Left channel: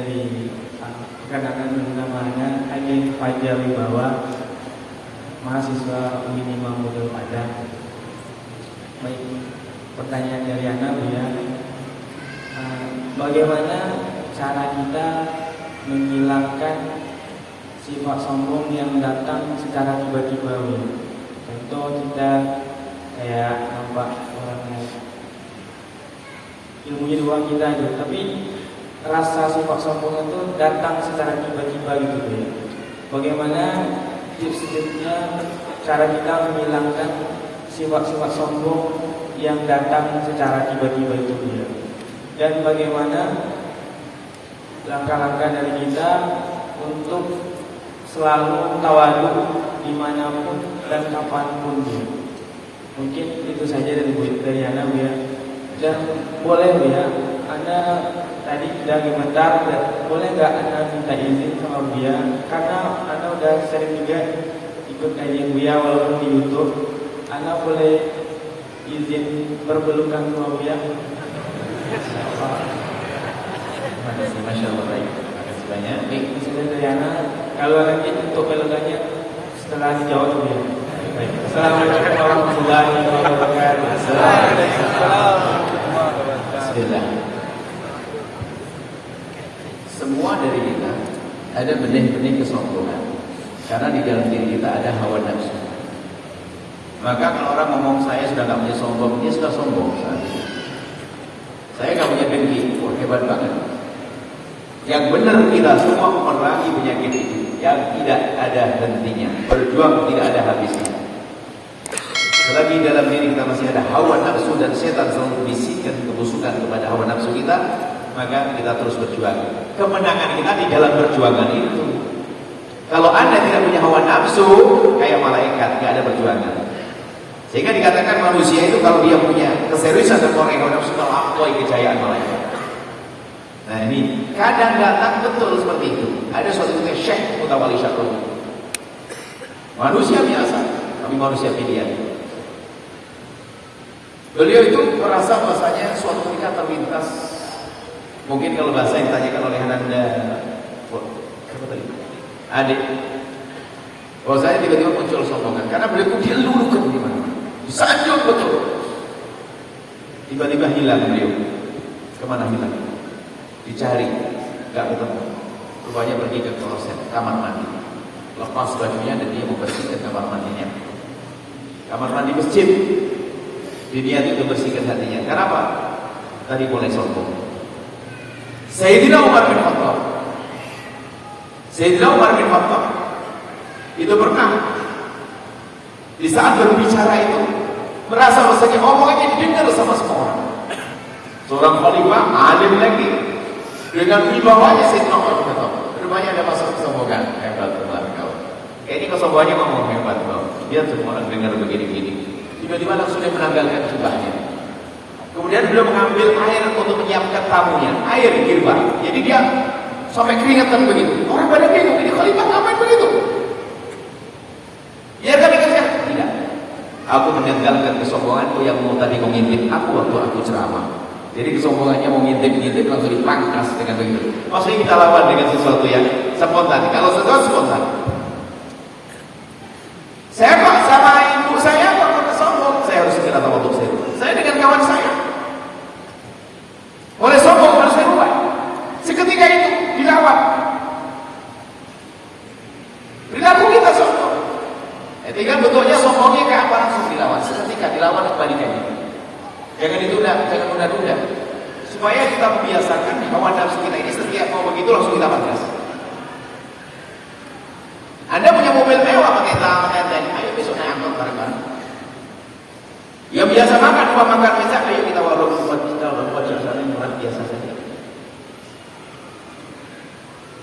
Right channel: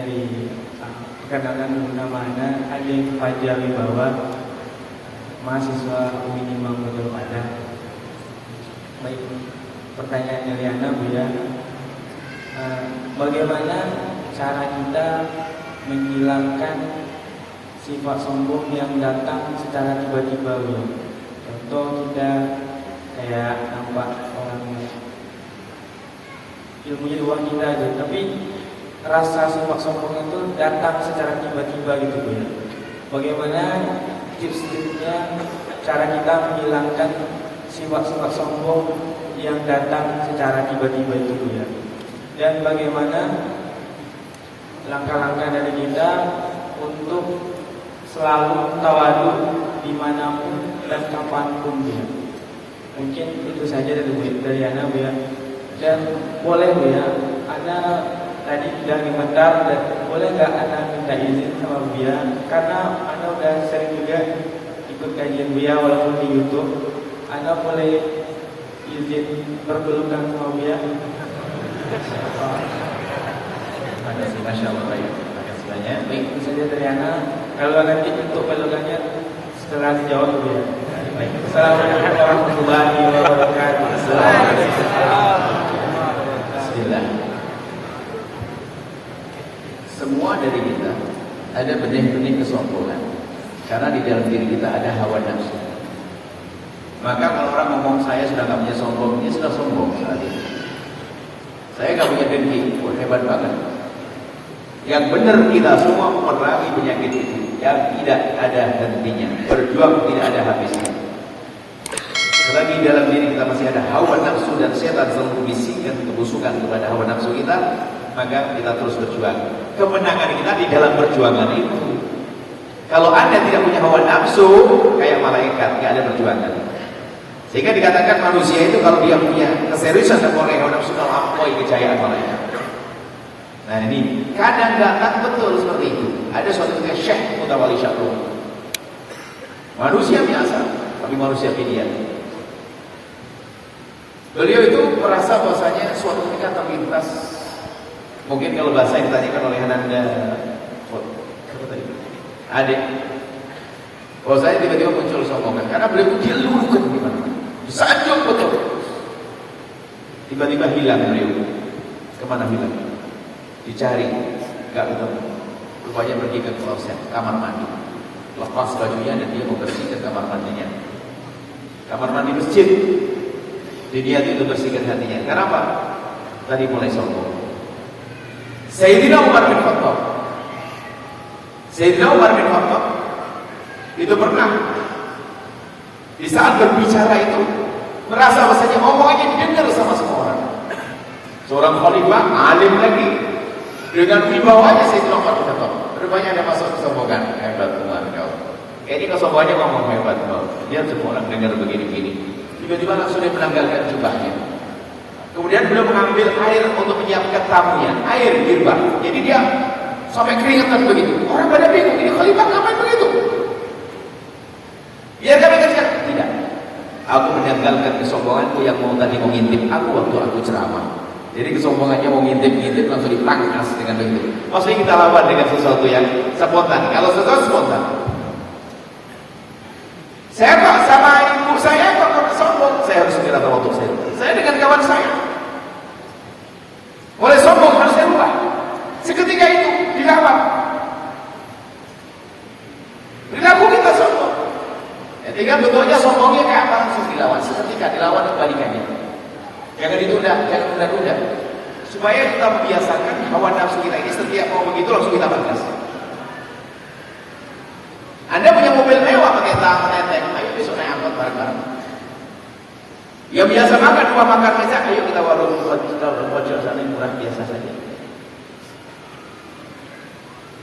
dari rekan-rekan namanya Alif Fajar Wibawa, mahasiswa UIN Muhammadiyah ada. Baik, pertanyaan dari Anda Bu ya, bagaimana cara kita menghilangkan sifat sombong yang datang secara tiba-tiba Bu? Contoh kita kayak nampak orang ilmunya di bawah kita gitu, tapi rasa sifat sombong itu datang secara tiba-tiba gitu Bu ya. Bagaimana tips-tipsnya cara kita menghilangkan sifat-sifat sombong yang datang secara tiba-tiba itu Bu ya. Dan bagaimana langkah-langkah dari kita untuk selalu tawadu dimanapun dan kapanpun Bu. Mungkin itu saja dari Anda Bu ya. Dan boleh Bu ya, Anda tadi sudah komentar, boleh nggak Anda minta izin sama Bu ya? Karena Anda udah sering juga ikut kajian Bu ya walaupun di YouTube. Anda boleh izin berpelukan sama Bu ya? Masya Allah, baik. Baik, misalnya dari Anda, kalau nanti untuk pelukannya setelah dijawab Bu ya. Baik. Assalamualaikum warahmatullahi wabarakatuh. Bismillah. Semua dari kita ada benih-benih kesombongan, karena di dalam diri kita ada hawa nafsu. Maka kalau orang ngomong saya sudah nggak punya sombong, dia sudah sombong saat itu. Saya nggak punya dengki, hebat banget. Yang benar kita semua memerangi penyakit itu yang tidak ada hentinya, berjuang tidak ada habisnya. Selagi dalam diri kita masih ada hawa nafsu dan setan selalu bisikkan kebusukan kepada hawa nafsu kita, maka kita terus berjuang. Kemenangan kita di dalam perjuangan itu. Kalau Anda tidak punya hawa nafsu, kayak malaikat, tidak ada perjuangan. Sehingga dikatakan manusia itu kalau dia punya keseriusan dan hawa nafsu, melampaui kejayaan malaikat. Nah ini kadang-kadang betul seperti itu. Ada suatu Syekh Mutawalli Syatun, manusia biasa, tapi manusia pilihan. Beliau itu merasa bahasanya suatu ketika terlintas, mungkin kalau bahasa yang ditanyakan oleh Anda adik, kalau saya tiba-tiba muncul sombongan karena beliau dia lulukan di mana, disanjung betul, tiba-tiba hilang beliau. Kemana hilang? Dicari, nggak ketemu. Rupanya pergi ke kloset, kamar mandi, lepas bajunya dan dia membersihkan kamar mandinya, kamar mandi masjid. Dia itu bersihkan hatinya. Kenapa? Tadi mulai sombong. Sayyidina Umar bin Khattab, Sayyidina Umar bin Khattab itu pernah di saat berbicara itu merasa bahasanya omongannya didengar sama semua orang. Seorang khalifah alim lagi dengan wibawanya Sayyidina Umar bin Khattab. Rupanya ada masuk kesombongan. Hebat benar kau. Ini kesombongannya ngomong hebat kau. Dia semua orang dengar begini-begini. Tiba-tiba langsung dia menanggalkan jubahnya. Kemudian beliau mengambil air untuk menyiapkan tamunya, air girba. Jadi dia sampai keringetan begitu. Orang pada bingung, ini khalifah ngapain begitu? Ya kami katakan, tidak. Aku menanggalkan kesombonganku yang mau tadi mengintip aku waktu aku ceramah. Jadi kesombongannya mau ngintip-ngintip langsung dipangkas dengan begitu. Maksudnya kita lawan dengan sesuatu yang spontan. Kalau sesuatu spontan, saya sama ibu saya saya harus segera tahu untuk saya dengan kawan saya oleh sombong harus saya ubah. Seketika itu dilawan, perilaku kita sombong. Ketika betulnya sombongnya ke apa langsung dilawan. Seketika dilawan kebalikannya. Jangan ditunda, jangan tunda-tunda. Supaya kita membiasakan hawa nafsu kita ini setiap mau begitu langsung kita batas. Anda punya mobil mewah pakai tangan, ayo besoknya angkat bareng-bareng. Yang biasa makan, makan biasa, ayo kita bawa buat kita buat suasana yang luar biasa saja.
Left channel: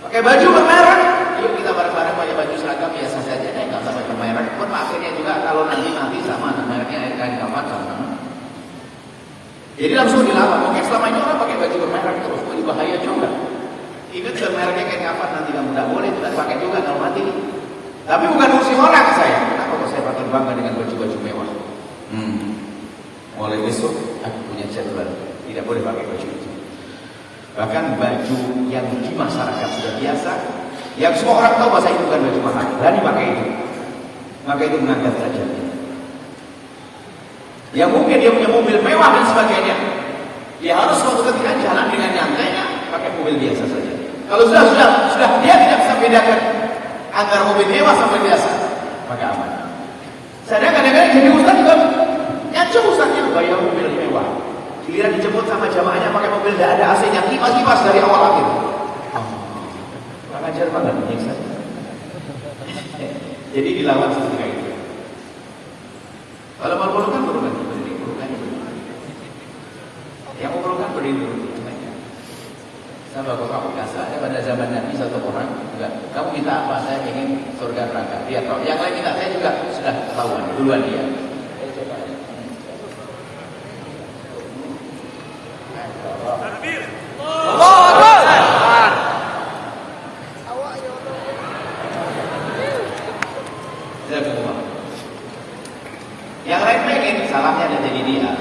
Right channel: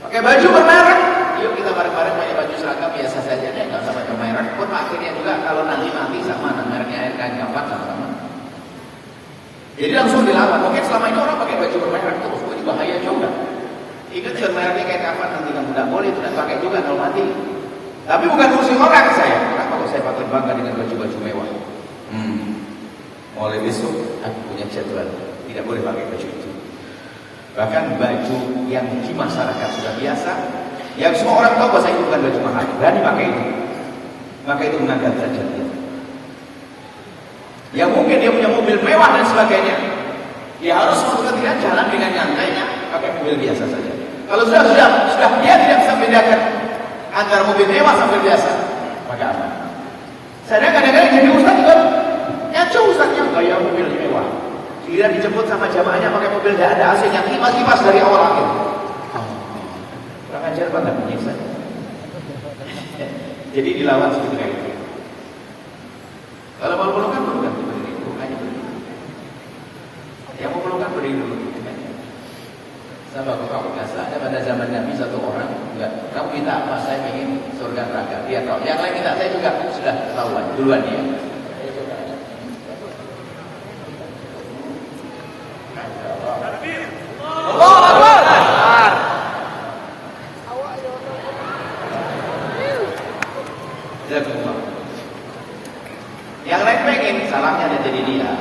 Pakai baju bermerek, ayo kita bareng-bareng pakai baju seragam biasa saja, nggak usah pakai merek. Pun akhirnya juga kalau nanti mati sama, mereknya air kain kapak sama. Jadi langsung dilawan. Mungkin selama ini orang pakai baju bermerek terus, itu bahaya juga. Itu juga mereknya kain kapak nanti kamu tidak boleh, tidak pakai juga kalau mati. Tapi bukan fungsi orang saya. Kenapa saya berbangga dengan baju-baju mewah? Mulai besok aku punya jadwal tidak boleh pakai baju itu. Bahkan baju yang di masyarakat sudah biasa, yang semua orang tahu bahasa itu bukan baju mahal, berani pakai itu. Maka itu mengangkat derajatnya. Ya mungkin dia punya mobil mewah dan sebagainya, ya harus suatu ketika jalan dengan nyantainya pakai mobil biasa saja. Kalau sudah dia tidak bisa bedakan antara mobil mewah sampai biasa, maka aman. Saya kadang-kadang jadi ustaz juga nyacu ustaznya bayar mobil mewah. Giliran dijemput sama jamaahnya pakai mobil tidak ada AC-nya, kipas dari awal akhir. Pak ajar pada menyiksa. Jadi dilawan seperti itu. Kalau mau perlukan bukan beri, bukan. Yang mau perlukan beri dulu. Sama bapak Bekasa ada pada zaman Nabi satu orang, enggak, kamu minta apa? Saya ingin surga neraka. Dia tahu. Yang lain minta, saya juga sudah tahuan duluan dia. Yang lain pengen, salahnya ada jadi dia.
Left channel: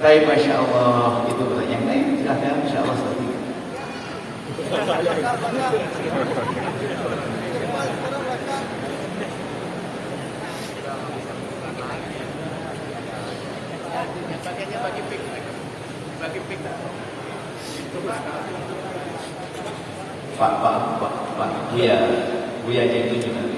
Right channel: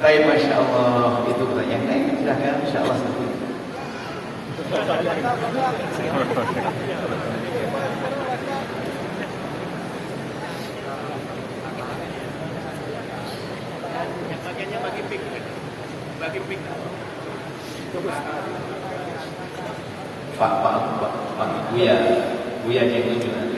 Baik, Masya Allah. Itu pertanyaan lain, silahkan Insya Allah. Yang bagiannya bagi pik. Pak, Buya jadi gimana?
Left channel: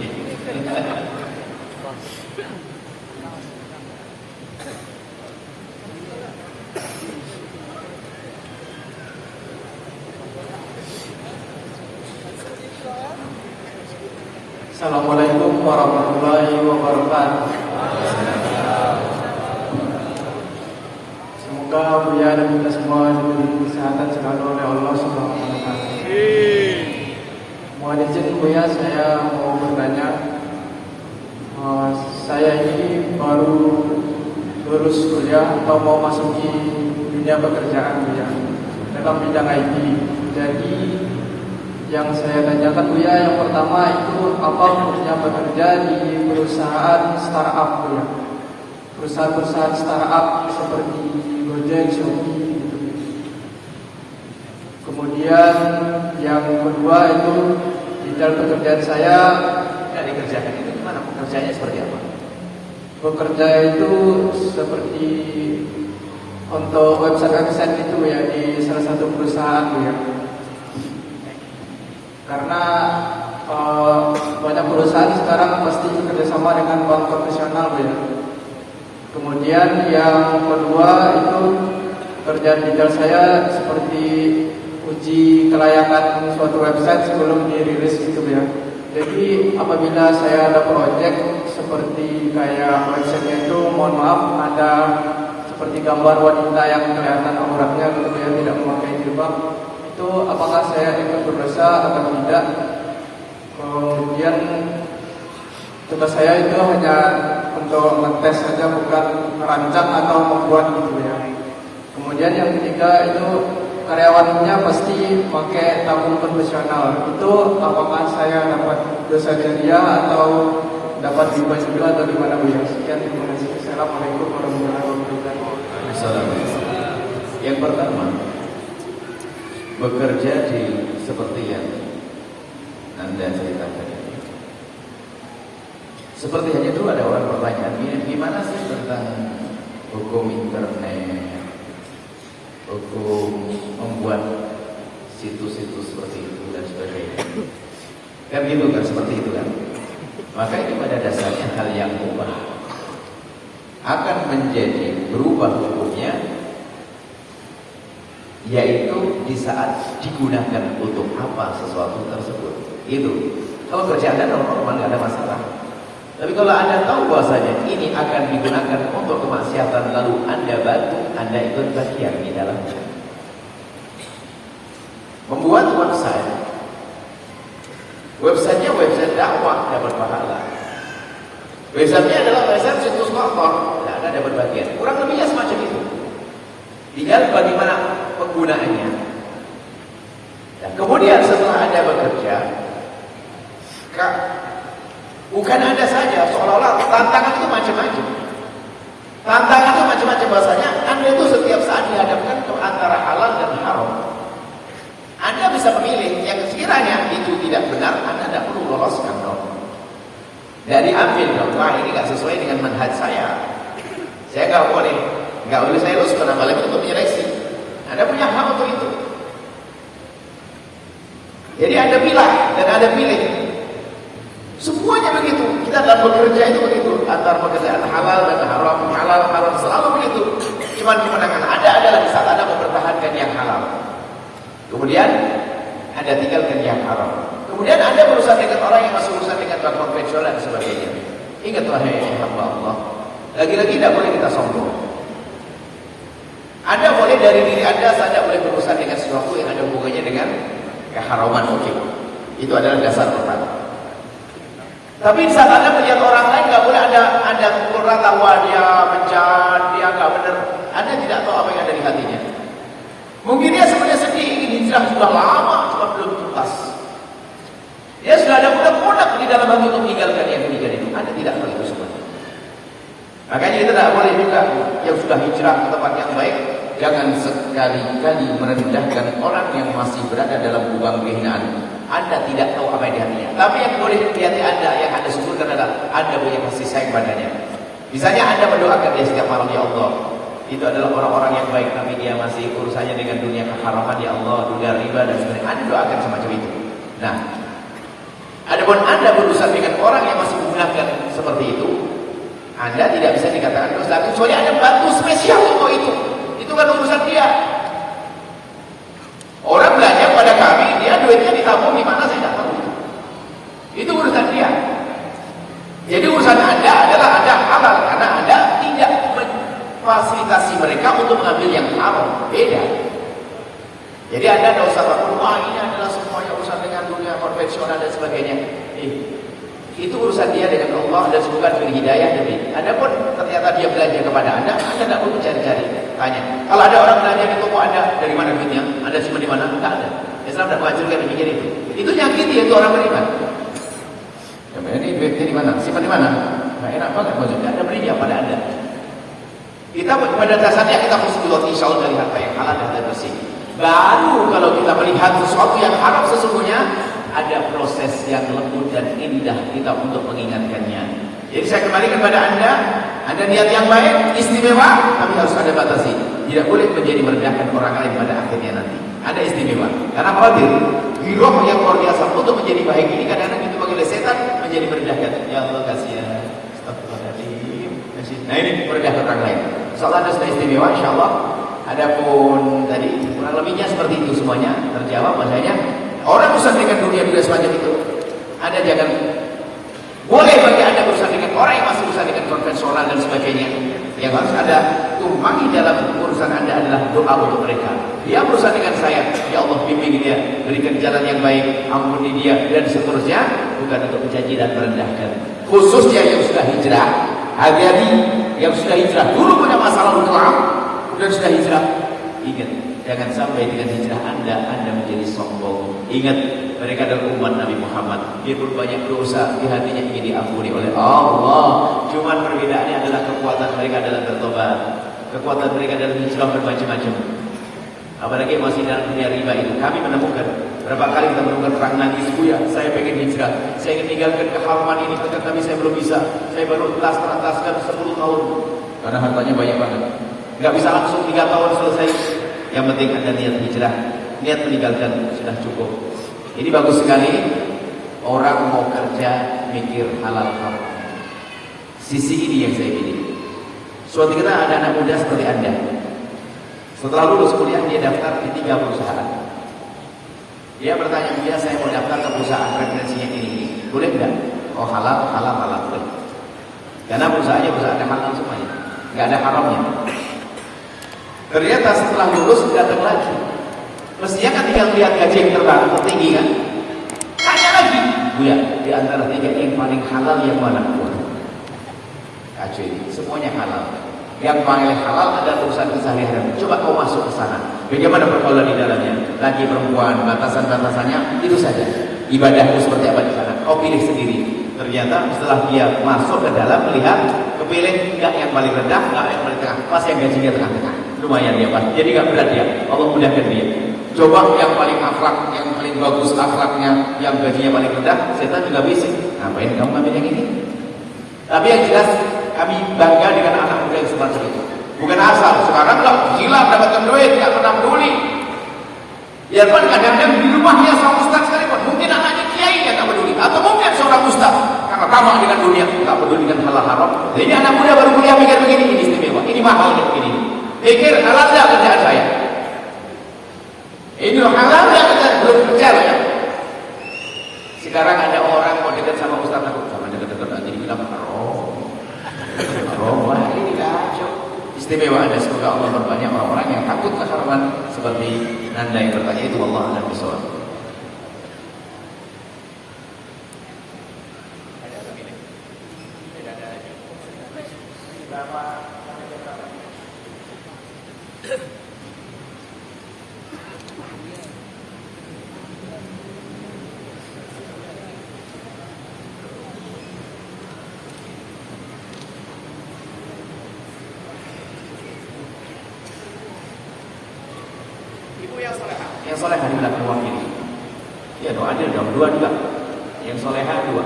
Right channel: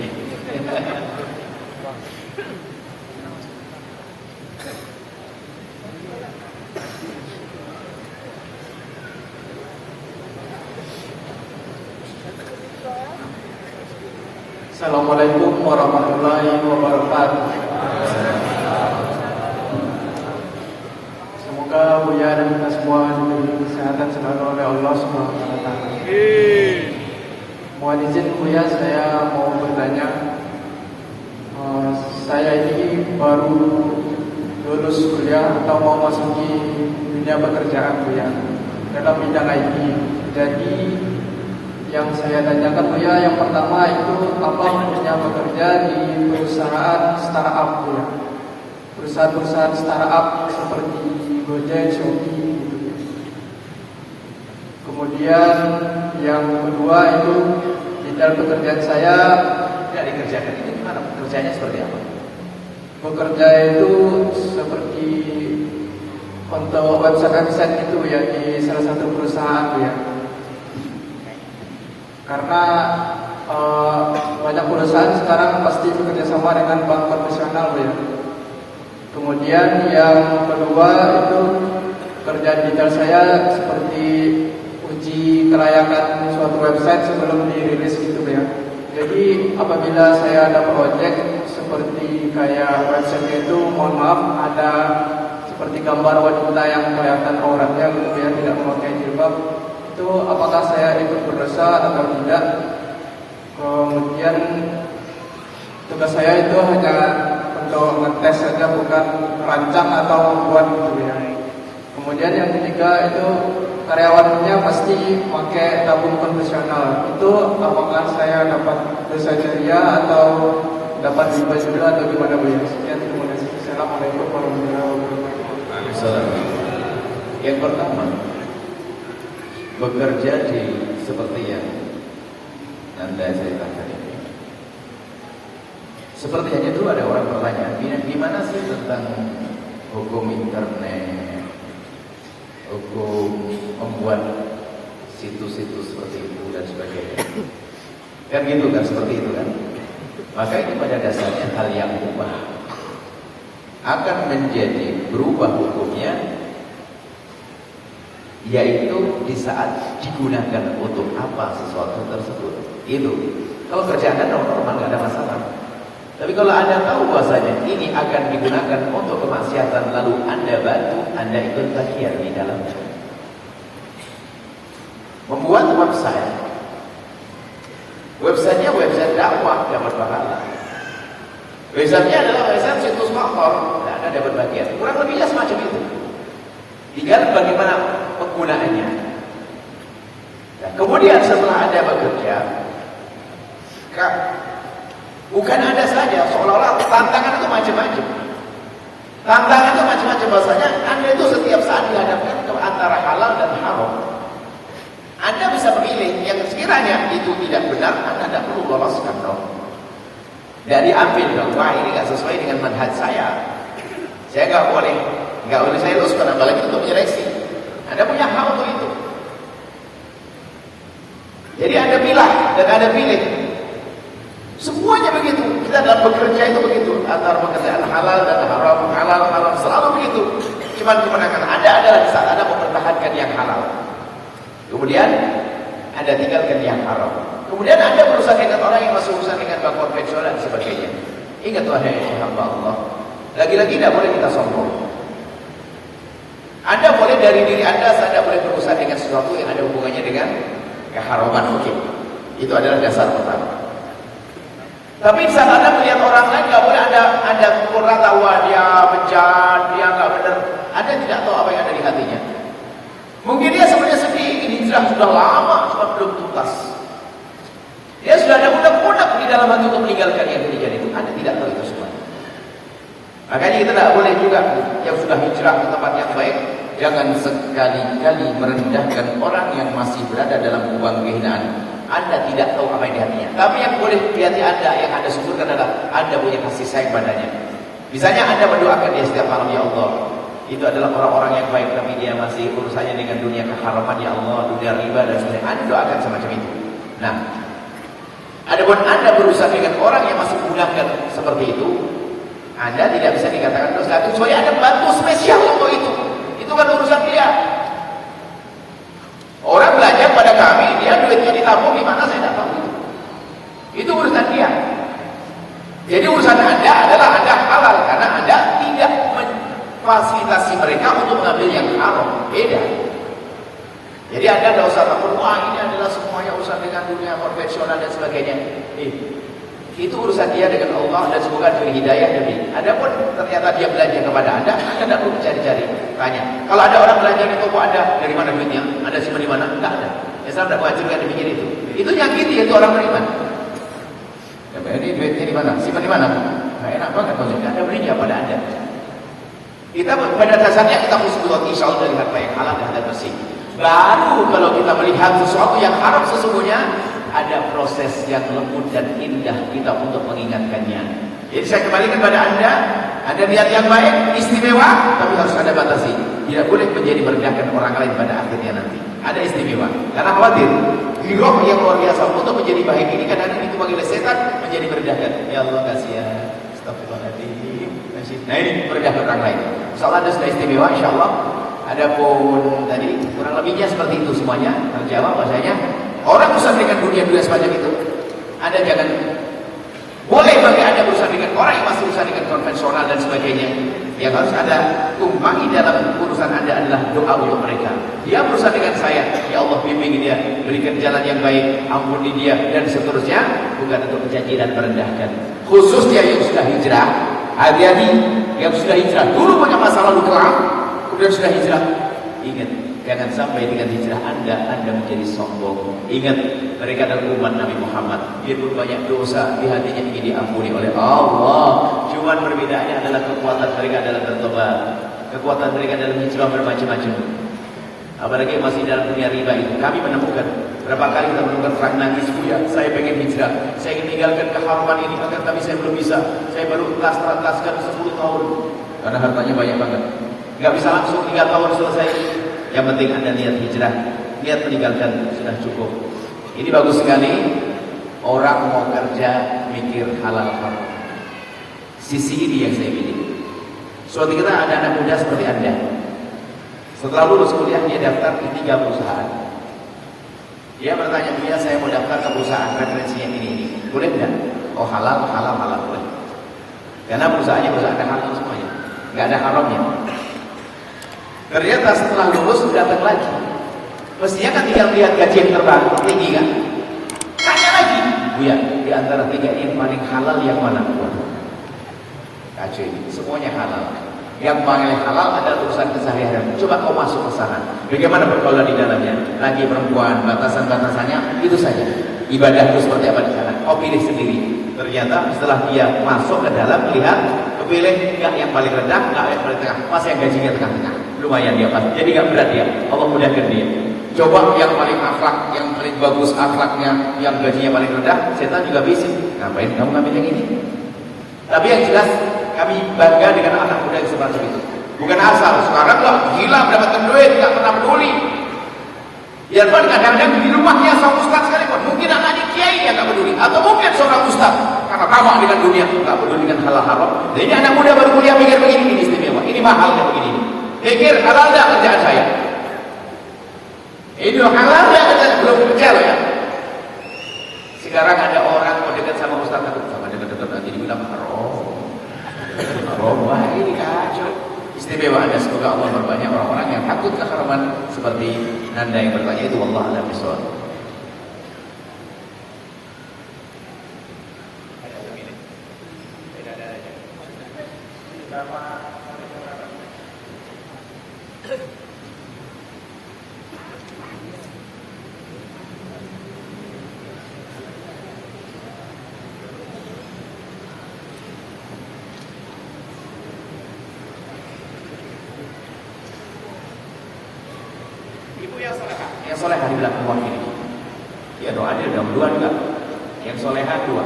Assalamualaikum warahmatullahi wabarakatuh. Semoga Buya dan kita semua diberi kesehatan selalu oleh Allah Subhanahu wa Ta'ala. Mohon izin Buya, saya mau bertanya. Saya ini baru lulus kuliah atau mau masuki dunia pekerjaan Buya dalam bidang IT. Jadi yang saya tanyakan Buya, yang pertama itu apa punya bekerja di perusahaan startup Buya, perusahaan startup seperti Gojek, Shopee gitu. Kemudian yang kedua itu bidang pekerjaan saya Dari kerjaan itu gimana? Pekerjaannya seperti apa? bekerja itu seperti untuk website itu ya di salah satu perusahaan ya. Karena banyak perusahaan sekarang pasti bekerjasama dengan bank profesional ya. Kemudian yang kedua itu kerjaan detail saya seperti uji kelayakan suatu website sebelum dirilis gitu ya. Jadi apabila saya ada proyek seperti kayak website itu, mohon maaf ada seperti gambar wanita yang kelihatan auratnya kemudian tidak memakai jilbab, itu apakah saya ikut berdosa atau tidak? Kemudian tugas saya itu hanya untuk ngetes saja, bukan merancang atau membuat gitu ya. Kemudian yang ketiga itu karyawannya pasti pakai tabung konvensional. Itu apakah saya dapat dosa jariah atau dapat riba juga atau gimana Bu ya? Sekian, terima kasih. Assalamualaikum warahmatullahi wabarakatuh. Assalamualaikum. Yang pertama, bekerja di seperti yang Anda ceritakan ini. Seperti yang itu ada orang bertanya, gimana sih tentang hukum internet, hukum membuat situs-situs seperti itu dan sebagainya. Kan gitu kan, seperti itu kan. Maka itu pada dasarnya hal yang mubah. Akan menjadi berubah hukumnya, yaitu di saat digunakan untuk apa sesuatu tersebut. Itu. Kalau kerjaan normal nggak ada masalah. Tapi kalau Anda tahu bahwasanya ini akan digunakan untuk kemaksiatan lalu Anda bantu, Anda ikut bagian di dalamnya. Membuat websitenya website dakwah dapat pahala. Websitenya adalah website situs kotor, tidak ada dapat bagian. Kurang lebihnya semacam itu. Tinggal bagaimana penggunaannya. Dan kemudian setelah Anda bekerja, bukan Anda saja, seolah-olah tantangan itu macam-macam. Tantangan itu macam-macam, bahasanya diambil. Wah, ini nggak sesuai dengan manhaj saya. Saya nggak boleh saya urus pada kalian untuk menyeleksi. Anda punya hak untuk itu. Jadi ada pilah dan ada pilih. Semuanya begitu. Kita dalam bekerja itu begitu. Antara pekerjaan halal dan haram, halal selalu begitu. Iman digunakan. Ada adalah di saat Anda mempertahankan yang halal. Kemudian Anda tinggalkan yang haram. Kemudian Anda berusaha dengan orang yang masih urusan dengan bank konvensional dan sebagainya. Ingat wahai hamba Allah. Lagi-lagi tidak boleh kita sombong. Anda boleh dari diri Anda saja boleh berusaha dengan sesuatu yang ada hubungannya dengan keharaman mungkin. Itu adalah dasar pertama. Tapi saat Anda melihat orang lain nggak boleh ada pukul rata bahwa dia menjahat, dia nggak benar. Anda tidak tahu apa yang ada di hatinya. Mungkin dia sebenarnya sedih, ini sudah lama, sudah belum tuntas. Dia sudah ada budak-budak di dalam hati untuk meninggalkan yang demikian itu. Anda tidak tahu itu semua. Makanya kita tidak boleh juga yang sudah hijrah ke tempat yang baik, jangan sekali-kali merendahkan orang yang masih berada dalam lubang kehinaan. Anda tidak tahu apa yang di hatinya. Tapi yang boleh di hati Anda, yang Anda sebutkan adalah Anda punya kasih sayang padanya. Misalnya Anda mendoakan dia setiap malam, ya Allah, itu adalah orang-orang yang baik, tapi dia masih urusannya dengan dunia keharaman, ya Allah, dunia riba dan sebagainya. Anda doakan semacam itu. Nah, adapun Anda berurusan dengan orang yang masih menggunakan seperti itu, Anda tidak bisa dikatakan dosa, kecuali Anda bantu spesial untuk itu. Itu kan urusan dia. Orang belanja pada kami, dia duitnya ditabung di mana saya tidak tahu. Itu urusan dia. Jadi urusan Anda adalah Anda halal karena Anda tidak memfasilitasi mereka untuk mengambil yang halal. Beda. Jadi Anda tidak usah takut, ini adalah semuanya urusan dengan dunia konvensional dan sebagainya. Itu urusan dia dengan Allah dan semoga diberi hidayah dari. Anda pun ternyata dia belanja kepada Anda tidak perlu cari-cari. Tanya. Kalau ada orang belanja ke toko Anda, dari mana duitnya? Anda simpan di mana? Tidak ada. Islam tidak menghancurkan demikian itu. Itu nyakiti itu orang beriman. Ini duitnya di mana? Simpan di mana? Nah, enak banget kalau Anda berinya pada Anda. Kita pada dasarnya kita khusnul insya Allah dari harta yang halal dan bersih. Baru kalau kita melihat sesuatu yang haram sesungguhnya ada proses yang lembut dan indah kita untuk mengingatkannya. Jadi saya kembali kepada Anda niat yang baik, istimewa, tapi harus ada batasi. Tidak boleh menjadi merendahkan orang lain pada akhirnya nanti. Ada istimewa. Karena khawatir, giroh yang luar biasa untuk menjadi baik ini kadang-kadang itu bagi setan menjadi merendahkan. Ya Allah kasihan. Astagfirullahaladzim. Nah ini merendahkan orang lain. Soal Anda sudah istimewa, insya Allah. Adapun tadi kurang lebihnya seperti itu semuanya terjawab bahasanya. Orang berusaha dengan dunia semacam itu, Anda jangan boleh bagi Anda berusaha dengan orang yang masih berusaha dengan konvensional dan sebagainya. Yang harus Anda tumpangi dalam urusan Anda adalah doa untuk mereka. Dia berusaha dengan saya, ya Allah bimbing dia, berikan jalan yang baik, ampuni dia dan seterusnya, bukan untuk menjanji dan merendahkan. Khususnya yang sudah hijrah, hati-hati yang sudah hijrah. Dulu banyak masalah utang, kemudian sudah hijrah. Ingat, jangan sampai dengan hijrah Anda menjadi sombong. Ingat, mereka adalah umat Nabi Muhammad. Biarpun banyak dosa di hatinya ingin diampuni oleh Allah. Cuma perbedaannya adalah kekuatan mereka dalam bertobat, kekuatan mereka dalam hijrah bermacam-macam. Apalagi masih dalam dunia riba itu. Kami menemukan berapa kali kita menemukan orang nangis, ya, saya pengen hijrah, saya ingin tinggalkan keharaman ini, tapi saya belum bisa. Saya baru telaskan 10 tahun karena hartanya banyak banget. Gak bisa langsung 3 tahun selesai. Yang penting Anda niat hijrah, niat meninggalkan sudah cukup. Ini bagus sekali. Orang mau kerja mikir halal haram. Sisi ini yang saya pilih. Suatu kita ada anak muda seperti Anda. Setelah lulus kuliah dia daftar di 3 perusahaan. Dia bertanya, dia saya mau daftar ke perusahaan referensinya ini. Boleh tidak? Oh halal boleh. Karena perusahaannya perusahaan halal semuanya, nggak ada haramnya. Ternyata setelah lulus datang lagi. Mestinya kan tinggal lihat gaji yang tertinggi kan. Tanya lagi, ya di antara 3 yang paling halal yang mana? Kacau ini, semuanya halal. Yang paling halal adalah urusan keseharian. Coba kau masuk ke sana. Bagaimana pergaulan di dalamnya? Lagi perempuan, batasan-batasannya itu saja. Ibadah itu seperti apa di sana? Kau pilih sendiri. Ternyata setelah dia masuk ke dalam melihat, kepilih enggak yang paling rendah, enggak yang paling tengah, pas yang gajinya tengah-tengah. Lumayan dia pas. Jadi enggak berat dia. Allah mudahkan dia. Coba yang paling akhlak, yang paling bagus akhlaknya, yang gajinya paling rendah, setan juga bisik. Ngapain kamu ngambil yang ini? Tapi yang jelas kami bangga dengan anak muda yang seperti itu. Bukan asal, sekarang lah gila mendapatkan duit, nggak pernah peduli. Biarpun kadang-kadang di rumahnya sang ustaz sekalipun, mungkin anaknya kiai yang nggak peduli, atau mungkin seorang ustaz karena ramah dengan dunia, nggak peduli dengan halal haram. Jadi anak muda baru kuliah pikir begini, ini istimewa, ini mahal begini. Pikir halal nggak kerjaan saya? Ini halal nggak kerjaan belum kerja ya? Sekarang ada orang mau dekat sama ustaz takut sama dekat-dekat lagi dibilang haram. Wah ini kacau. Istimewa ada, semoga Allah berbanyak orang-orang yang takut keharaman seperti Nanda yang bertanya itu. Allah a'lam bishawab. Ada sembilan. Tidak ada aja. Berapa sampai berapa? Ibu yang solehah di belakang ruang ini. Ya doa dia dua juga. Yang solehah dua.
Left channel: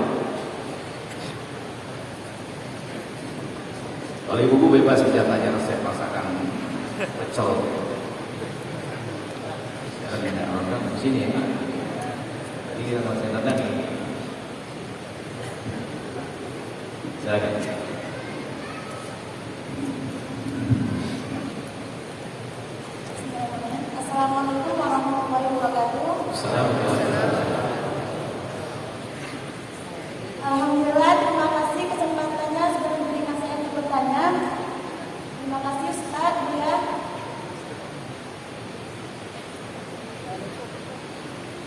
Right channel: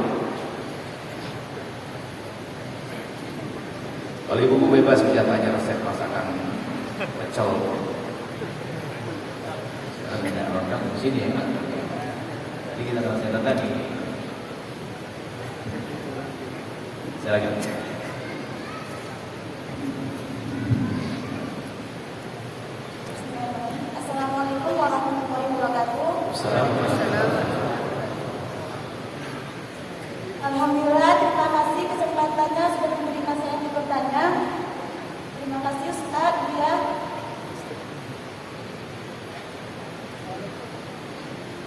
Kalau ibu bebas bisa tanya resep masakan pecel. Tidak orang di sini ya. Jadi kita masak tadi. Silakan. Alhamdulillah, terima kasih kesempatannya sudah memberikan saya bertanya. Terima kasih Ustaz. Ya.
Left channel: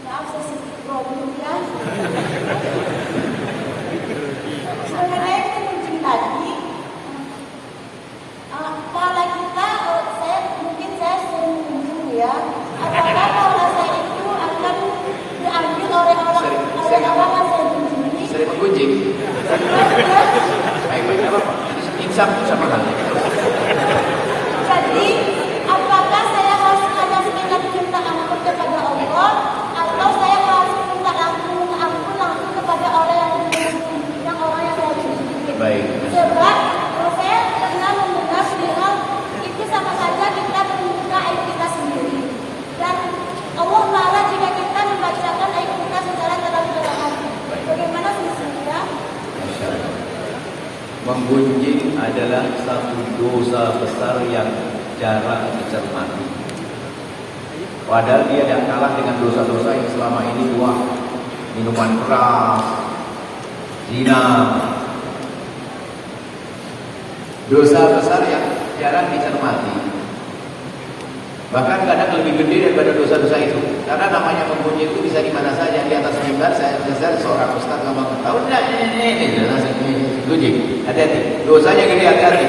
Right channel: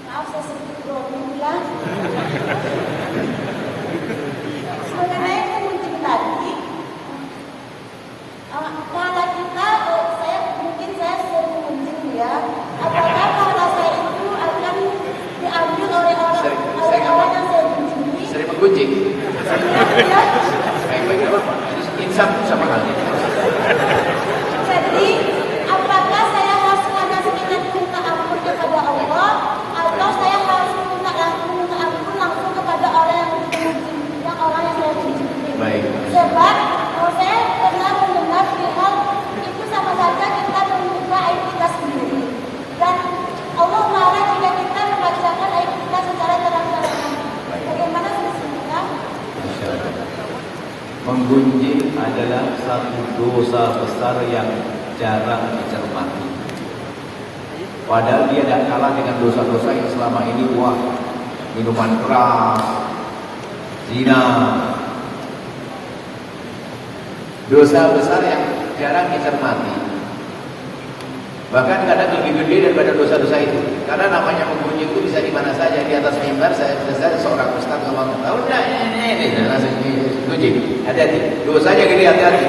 Maaf saya sedikit bohong ya. Mengenai yang muncul tadi, kalau kita, saya sering muncul ya. Apakah kalau saya itu akan diambil oleh orang yang saya kunjungi? Sering menggunjing. Baik-baik. Insaf sama kali. Jadi, apakah saya harus hanya sekedar minta ampun kepada Allah, atau saya harus minta ampun langsung kepada orang yang saya kunjungi? Baik. Sebab saya pernah mendengar bilang itu sama saja kita membuka aib kita sendiri. Dan Allah marah jika kita membacakan aib kita secara terang-terangan. Bagaimana solusinya? Menggunjing adalah satu dosa besar yang jarang dicermati. Padahal dia tidak kalah dengan dosa-dosa yang selama ini minuman keras, zina. Dosa besar yang jarang dicermati. Bahkan kadang lebih gede daripada dosa-dosa itu. Karena namanya menggunjing itu bisa di mana saja. Di atas mimbar saya seorang ustaz ngomong, tahu enggak ini gunjing. Hati-hati, dosanya gede, hati-hati.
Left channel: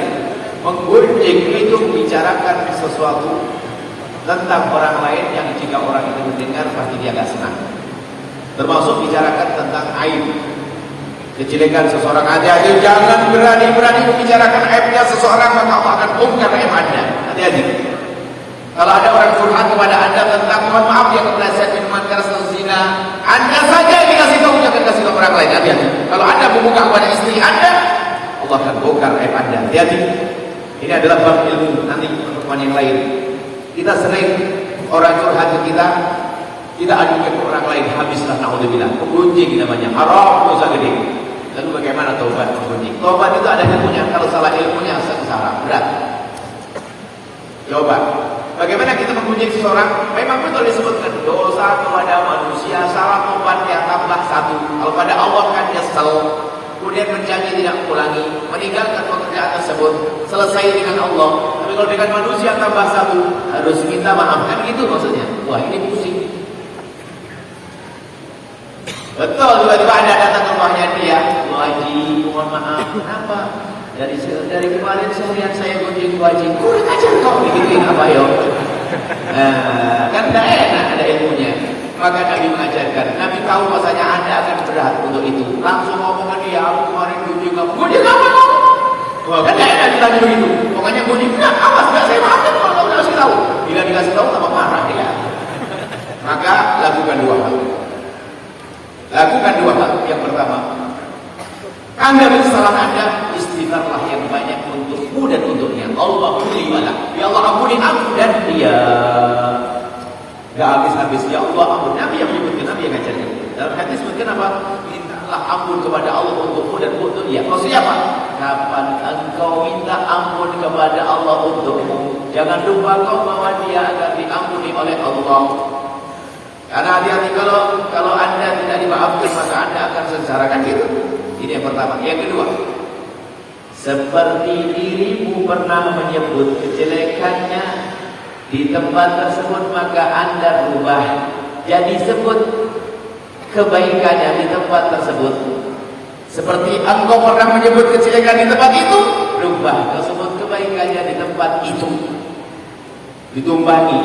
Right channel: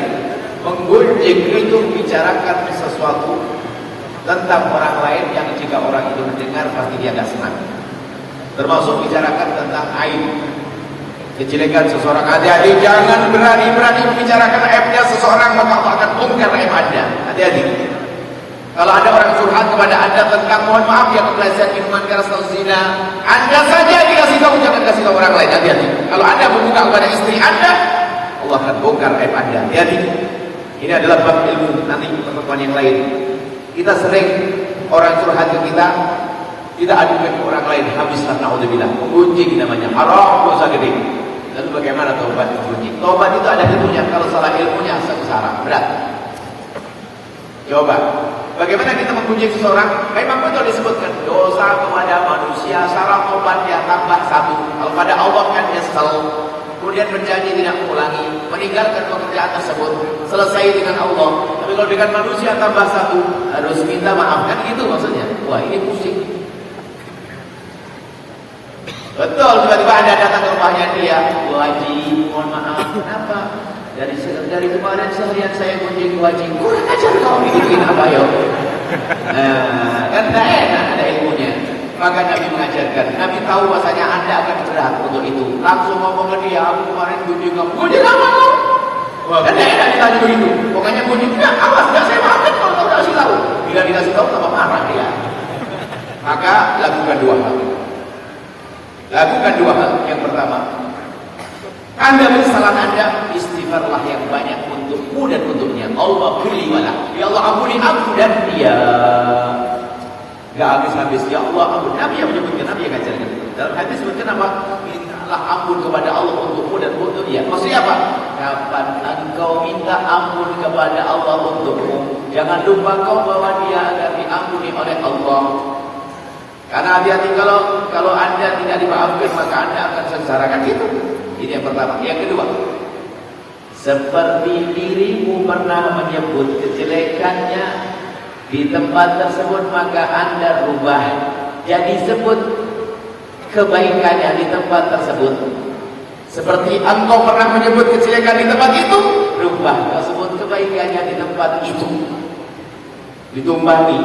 Menggunjing itu membicarakan sesuatu tentang orang lain yang jika orang itu mendengar pasti dia agak senang. Termasuk bicarakan tentang aib, kejelekan seseorang. Hati-hati, jangan berani-berani membicarakan aibnya seseorang, maka Allah akan bongkar aib Anda. Hati-hati. Kalau ada orang curhat kepada Anda tentang mohon maaf ya kepleset minuman keras atau zina, Anda saja dikasih tahu, jangan kasih tahu orang lain. Hati-hati. Kalau Anda membuka kepada istri Anda, Allah akan bongkar aib Anda. Hati-hati. Ini adalah bab ilmu, nanti untuk yang lain. Kita sering orang curhat ke kita adukan ke orang lain, habislah naudzubillah. Gunjing namanya, haram, dosa gede. Lalu bagaimana taubat gunjing? Taubat itu ada ilmunya, kalau salah ilmunya sengsara, berat. Coba, bagaimana kita menggunjing seseorang? Memang betul disebutkan dosa kepada manusia, syarat taubatnya tambah satu. Kalau pada Allah kan nyesel, kemudian berjanji tidak mengulangi, meninggalkan pekerjaan tersebut, selesai dengan Allah. Tapi kalau dengan manusia tambah satu, harus minta maaf, kan gitu maksudnya. Wah, ini pusing. Betul, tiba-tiba ada datang ke rumahnya dia, Bu Haji, mohon maaf, kenapa? Dari kemarin seharian saya kunjungi Bu Haji, kurang ajar kau bikin apa ya? Kan tidak enak ada ilmunya. Maka Nabi mengajarkan, Nabi tahu bahasanya Anda akan berat untuk itu. Langsung ngomong ke dia, aku kemarin kunjungi kamu, kunjungi apa kau? Kan tidak enak dilanjut itu. Pokoknya kunjungi, nah awas, tidak saya maafkan kalau kau kasih tahu. Bila dikasih tahu, tambah marah dia. Maka lakukan dua hal. Lakukan dua hal. Yang pertama, Anda menyesal Anda dan dia nggak habis-habis ya Allah ampun. Nabi yang menyebutkan, Nabi yang ngajarkan. Dalam hadis sebutkan apa? Mintalah ampun kepada Allah untukmu dan untuk dia. Maksudnya apa? Kapan engkau minta ampun kepada Allah untukmu, jangan lupa kau bahwa dia akan diampuni oleh Allah. Karena hati-hati kalau anda tidak dimaafkan maka anda akan sengsarakan itu. Ini yang pertama. Yang kedua, seperti dirimu pernah menyebut kejelekannya di tempat tersebut maka anda rubah jadi sebut kebaikannya di tempat tersebut. Seperti engkau pernah menyebut kejelekan di tempat itu, rubah tersebut kebaikannya di tempat itu. Ditumbangi.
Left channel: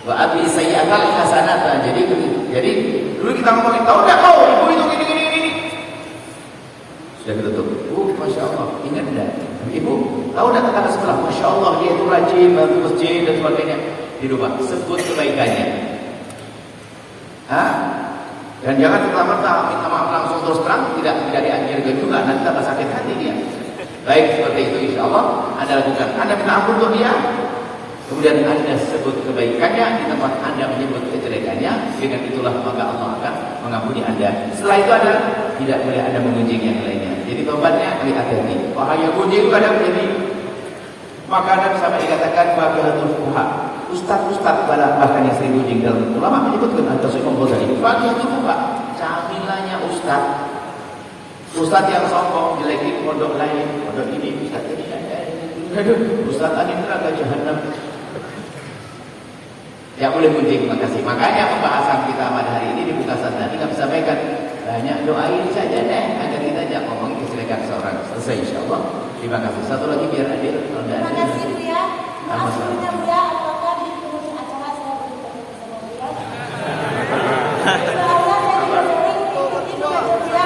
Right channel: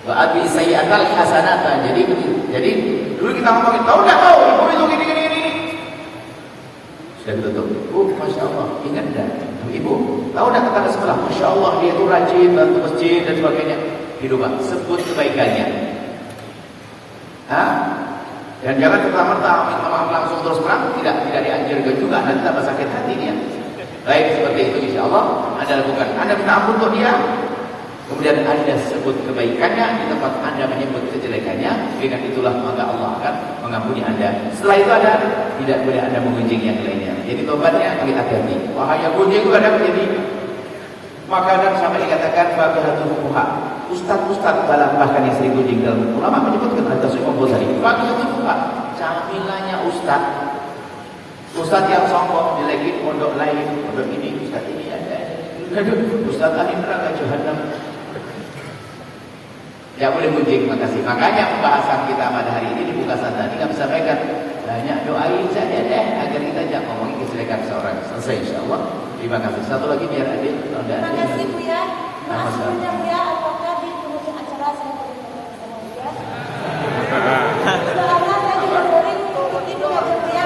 Wa ati sayyi'atal hasanata. Jadi dulu kita ngomongin, tahu enggak kau ibu itu gini. Sudah tutup. Masya Allah, ingat enggak? Ibu, tahu enggak kata sebelah? Masya Allah, dia itu rajin bantu masjid dan sebagainya. Dirubah, sebut kebaikannya. Dan jangan pertama-tama minta maaf langsung terus terang, tidak dianjurkan juga, nanti tambah sakit hati dia. Baik seperti itu insya Allah Anda lakukan. Anda minta ampun untuk dia, kemudian Anda sebut kebaikannya di tempat Anda menyebut kejelekannya. Dengan itulah maka Allah akan mengampuni Anda. Setelah itu ada tidak boleh Anda mengunjing yang lainnya. Jadi tobatnya hati-hati. Bahaya gunjing itu kadang menjadi makanan sampai dikatakan fakihatul fuqaha. Ustaz bahkan yang sering gunjing dalam ulama menyebutkan atau Syekh Ghazali. Fakihatul fuqaha, camilannya ustaz. Ustaz yang sombong jelekin pondok lain. Begini ustaz ini ada. Ustaz ini neraka jahanam. Ya boleh gunjing, terima kasih. Makanya pembahasan kita pada hari ini di Buka Santani kami sampaikan banyak doain saja deh agar kita jangan ngomongin kejelekan seorang. Selesai insyaallah. Terima kasih. Satu lagi biar adil. Terima kasih Buya. Maksudnya Buya, apakah di penghujung acara saya bersama Buya? Selama saya dibolehin ikuti Buya Buya.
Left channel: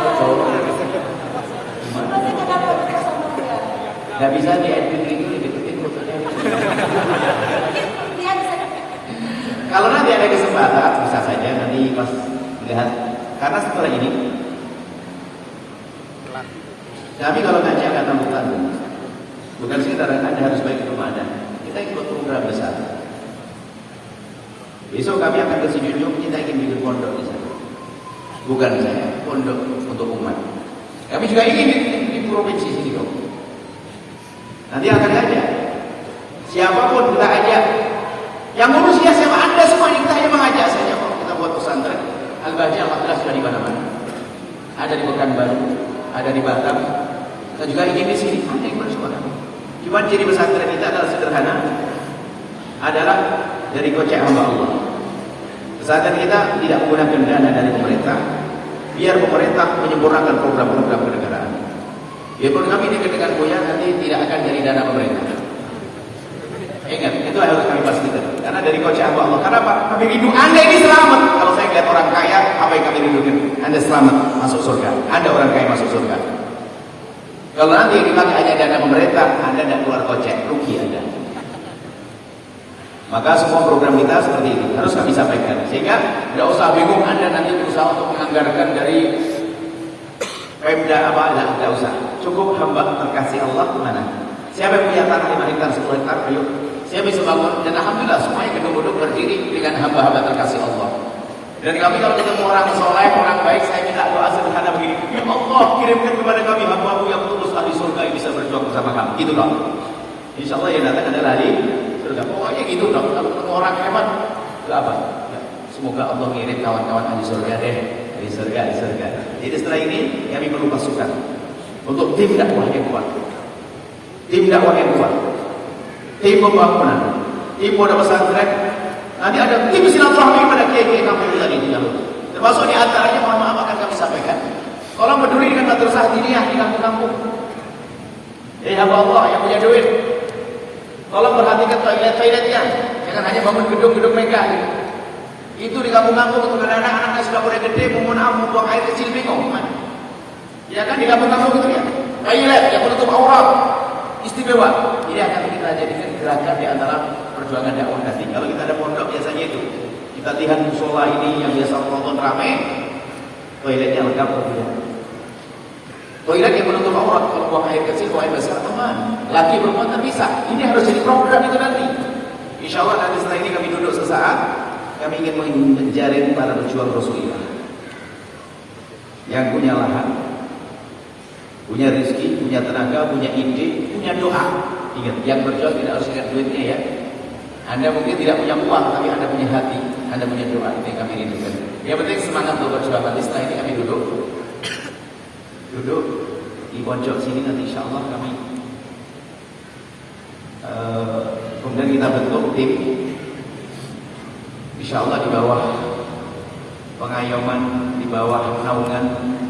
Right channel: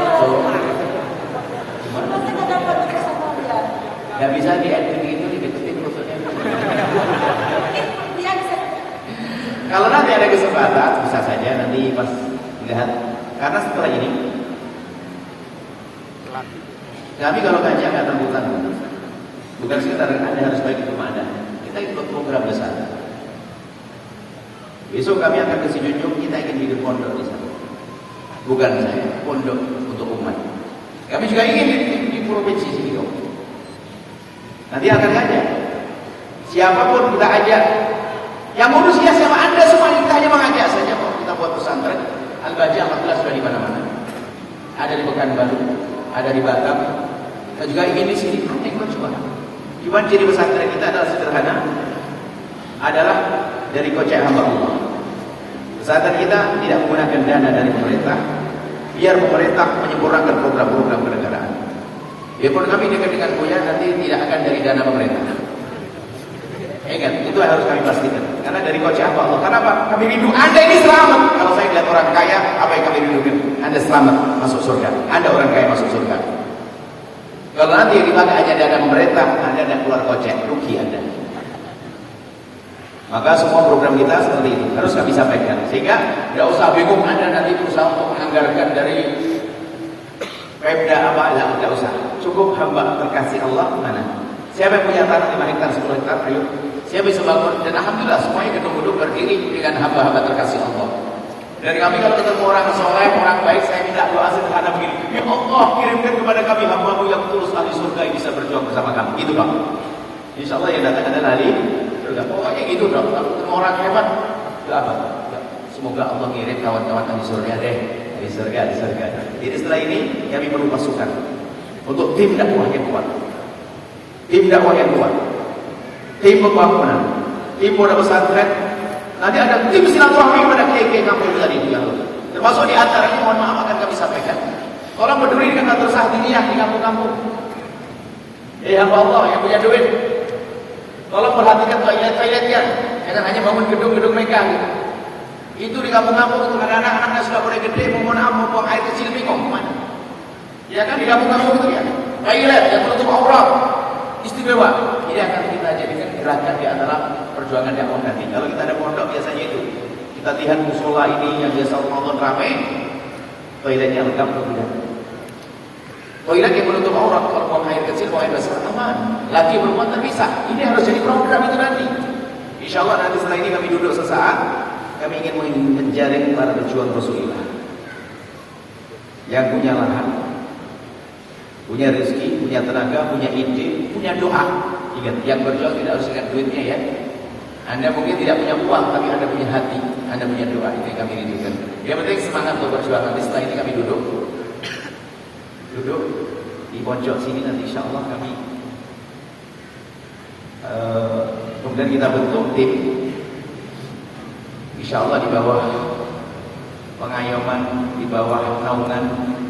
Maksudnya kenapa bersama Buya? Gak bisa diedit gitu dideketin maksudnya. Mungkin Buya bisa. Kalau nanti ada kesempatan bisa saja nanti pas lihat. Karena setelah ini kami kalau ngaji akan tanggung-tanggung. Bukan sekedar Anda harus baik ke rumah Anda. Kita ikut program besar. Besok kami akan ke Sijunjung, kita ingin bikin pondok di sana. Bukan saya, pondok untuk umat. Kami juga ingin di provinsi sini kok. Nanti akan ajak. Siapapun kita ajak. Yang manusia sama Anda semua kita hanya mengajak saja. Kita buat pesantren. Al-Bajah alhamdulillah sudah di mana-mana. Ada di Pekanbaru, ada di Batam. Kita juga ingin di sini. Anda ikut semua. Cuma ciri pesantren kita adalah sederhana. Adalah dari kocek hamba Allah. Pesantren kita tidak menggunakan dana dari pemerintah. Biar pemerintah menyempurnakan program-program kenegaraan. Biarpun kami dengan Buya nanti tidak akan dari dana pemerintah. Ingat, itu harus kami pastikan. Karena dari kocek hamba Allah. Karena apa? Kami rindu Anda ini selamat. Kalau saya lihat orang kaya, apa yang kami rindu? Anda selamat masuk surga. Anda orang kaya masuk surga. Kalau nanti yang dipakai hanya dana pemerintah, Anda tidak keluar kocek, rugi Anda. Maka semua program kita seperti itu harus kami sampaikan. Sehingga tidak usah bingung Anda nanti berusaha untuk menganggarkan dari Pemda apa, tidak usah. Cukup hamba terkasih Allah mana? Siapa yang punya tanah 5 hektar, 10 hektar, ayo. Siapa bisa bangun? Dan alhamdulillah semuanya gedung-gedung berdiri dengan hamba-hamba terkasih Allah. Dan kami kalau ketemu orang soleh, orang baik, saya minta doa sederhana begini. Ya Allah, kirimkan kepada kami hamba-Mu yang tulus ahli surga yang bisa berjuang bersama kami. Gitu dong. Insya Allah yang datang adalah ahli surga. Pokoknya gitu dong. Kalau ketemu orang hebat, itu apa? Ya, semoga Allah kirim kawan-kawan ahli surga deh. Ahli surga. Jadi setelah ini kami perlu pasukan untuk tim dakwah yang kuat. Tim dakwah yang kuat. Tim pembangunan. Tim pondok pesantren. Nanti ada tim silaturahmi pada kiai-kiai kampung tadi di Garut. Termasuk di antaranya mohon maaf akan kami sampaikan. Kalau berdiri dengan madrasah diniyah di kampung-kampung. Hamba Allah yang punya duit. Tolong perhatikan toilet-toiletnya. Jangan hanya bangun gedung-gedung megah. Itu di kampung-kampung untuk anak-anak sudah pada gede mau buang air kecil bingung. Ya kan di kampung-kampung itu ya. Toilet yang menutup aurat. Istimewa. Ini akan kita jadikan gerakan di antara perjuangan dakwah nanti. Kalau kita ada pondok biasanya itu. Kita lihat musola ini yang biasa Ramadan ramai. Toiletnya lengkap kemudian. Toilet yang menutup aurat. Kalau buang air kecil, buang air besar aman. Laki perempuan terpisah. Ini harus jadi program itu nanti. Insya Allah nanti setelah ini kami duduk sesaat. Kami ingin menjaring para pejuang Rasulullah yang punya lahan, punya rezeki, punya tenaga, punya ide, punya doa. Ingat, yang berjuang tidak harus lihat duitnya ya. Anda mungkin tidak punya uang, tapi Anda punya hati, Anda punya doa. Ini kami rindukan. Yang penting semangat untuk berjuang. Nanti setelah ini kami duduk di pojok sini. Nanti insya Allah kami kemudian kita bentuk tim. Insya Allah di bawah pengayoman, di bawah naungan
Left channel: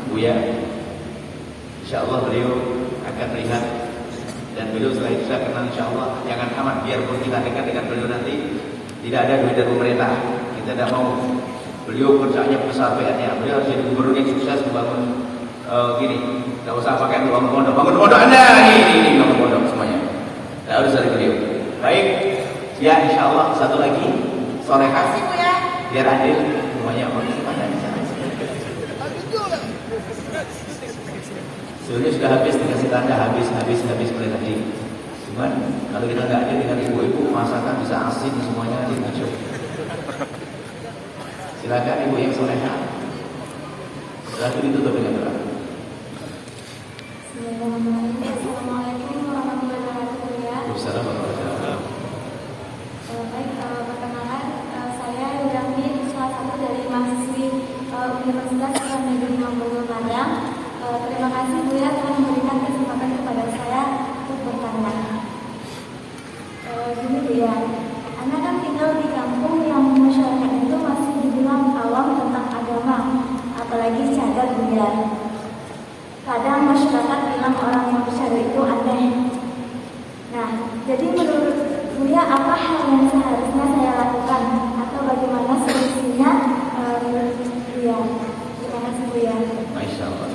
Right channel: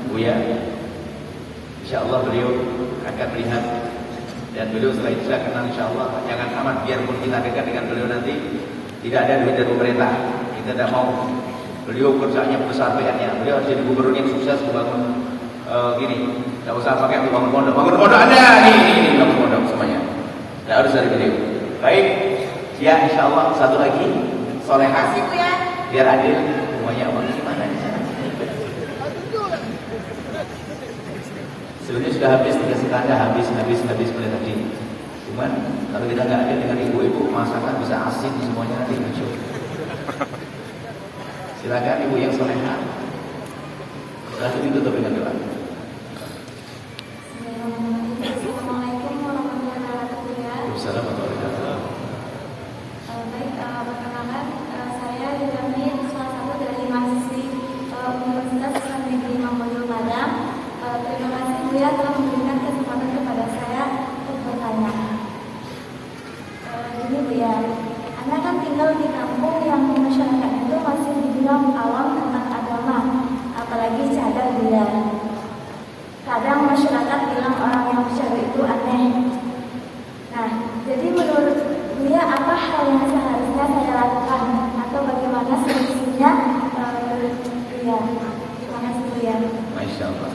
Buya. Insya Allah beliau akan lihat. Dan beliau setelah itu saya kenal insya Allah. Jangan amat biarpun kita dekat dengan beliau nanti tidak ada duit dari pemerintah. Kita tidak mau. Beliau kerjanya persatuannya. Beliau harus jadi gubernur yang sukses membangun gini. Tidak usah pakai bangun pondok. Bangun pondok Anda ini bangun pondok semuanya. Tidak harus dari beliau. Baik. Ya insya Allah satu lagi. Solehah. Biar adil semuanya. Gimana di sana? Sebenarnya sudah habis dikasih tanda habis dari tadi. Cuman kalau kita nggak ada dengan ibu-ibu masakan bisa asin semuanya nanti muncul. Silakan ibu yang solehah. Lalu ditutup dengan doa. Assalamualaikum warahmatullahi wabarakatuh. Wassalamualaikum. Baik, perkenalkan saya Yudhani, salah satu dari mahasiswi Universitas Islam Negeri Nampol Padang. Terima kasih Bu ya telah memberikan kesempatan kepada saya untuk bertanya. Gini Bu ya, Anda kan tinggal di kampung yang masyarakat itu masih dibilang awam tentang agama, apalagi cadar Bu ya. Kadang masyarakat bilang orang yang bercadar itu aneh. Nah, jadi menurut Bu ya, apa hal yang seharusnya saya lakukan atau bagaimana solusinya menurut Bu ya? Terima kasih Bu ya. Masya Allah.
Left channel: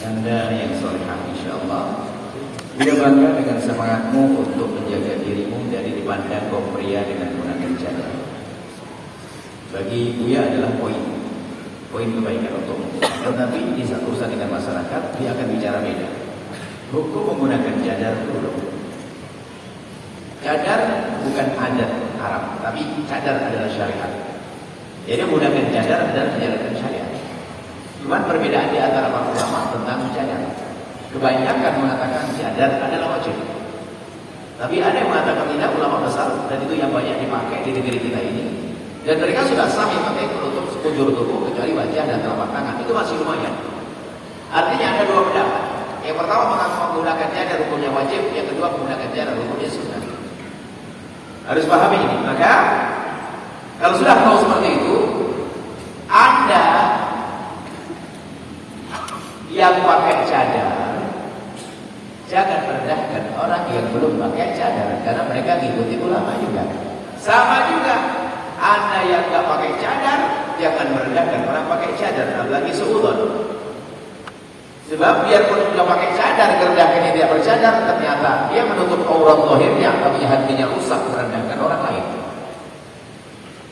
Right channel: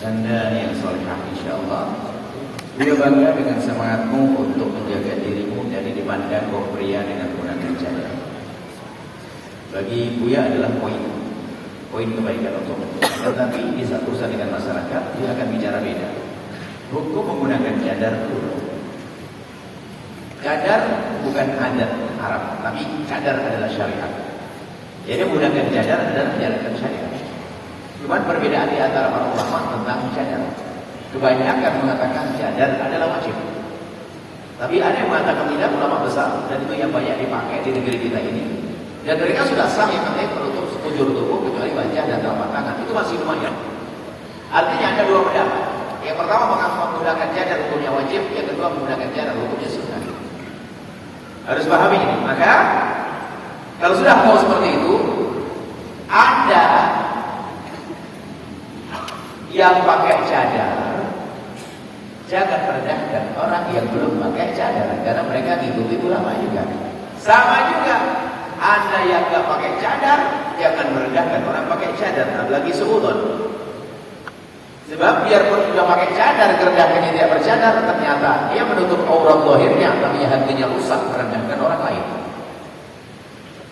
Anda yang solehah insya Allah. Beliau bangga dengan semangatmu untuk menjaga dirimu dari dipandang kaum pria dengan menggunakan cadar. Bagi Buya adalah poin kebaikan untukmu. Tetapi di saat urusan dengan masyarakat, dia akan bicara beda. Hukum menggunakan cadar dulu. Cadar bukan adat Arab, tapi cadar adalah syariat. Jadi menggunakan cadar adalah menjalankan syariat. Cuman perbedaan di antara para ulama tentang cadar. Kebanyakan mengatakan cadar adalah wajib. Tapi ada yang mengatakan tidak, ulama besar, dan itu yang banyak dipakai di negeri kita ini. Dan mereka sudah sah yang pakai penutup sekujur tubuh kecuali wajah dan telapak tangan. Itu masih lumayan. Artinya ada dua pendapat. Yang pertama menggunakan cadar hukumnya wajib, yang kedua menggunakan cadar hukumnya sunnah. Harus pahami ini. Maka kalau sudah tahu seperti itu, Anda yang pakai cadar jangan merendahkan orang yang belum pakai cadar, karena mereka ngikuti ulama juga. Sama juga Anda yang gak pakai cadar jangan merendahkan orang pakai cadar, apalagi seudon. Sebab biarpun sudah pakai cadar, kerendahkannya tidak bercadar, ternyata dia menutup aurat zahirnya, tapi hatinya rusak merendahkan orang lain.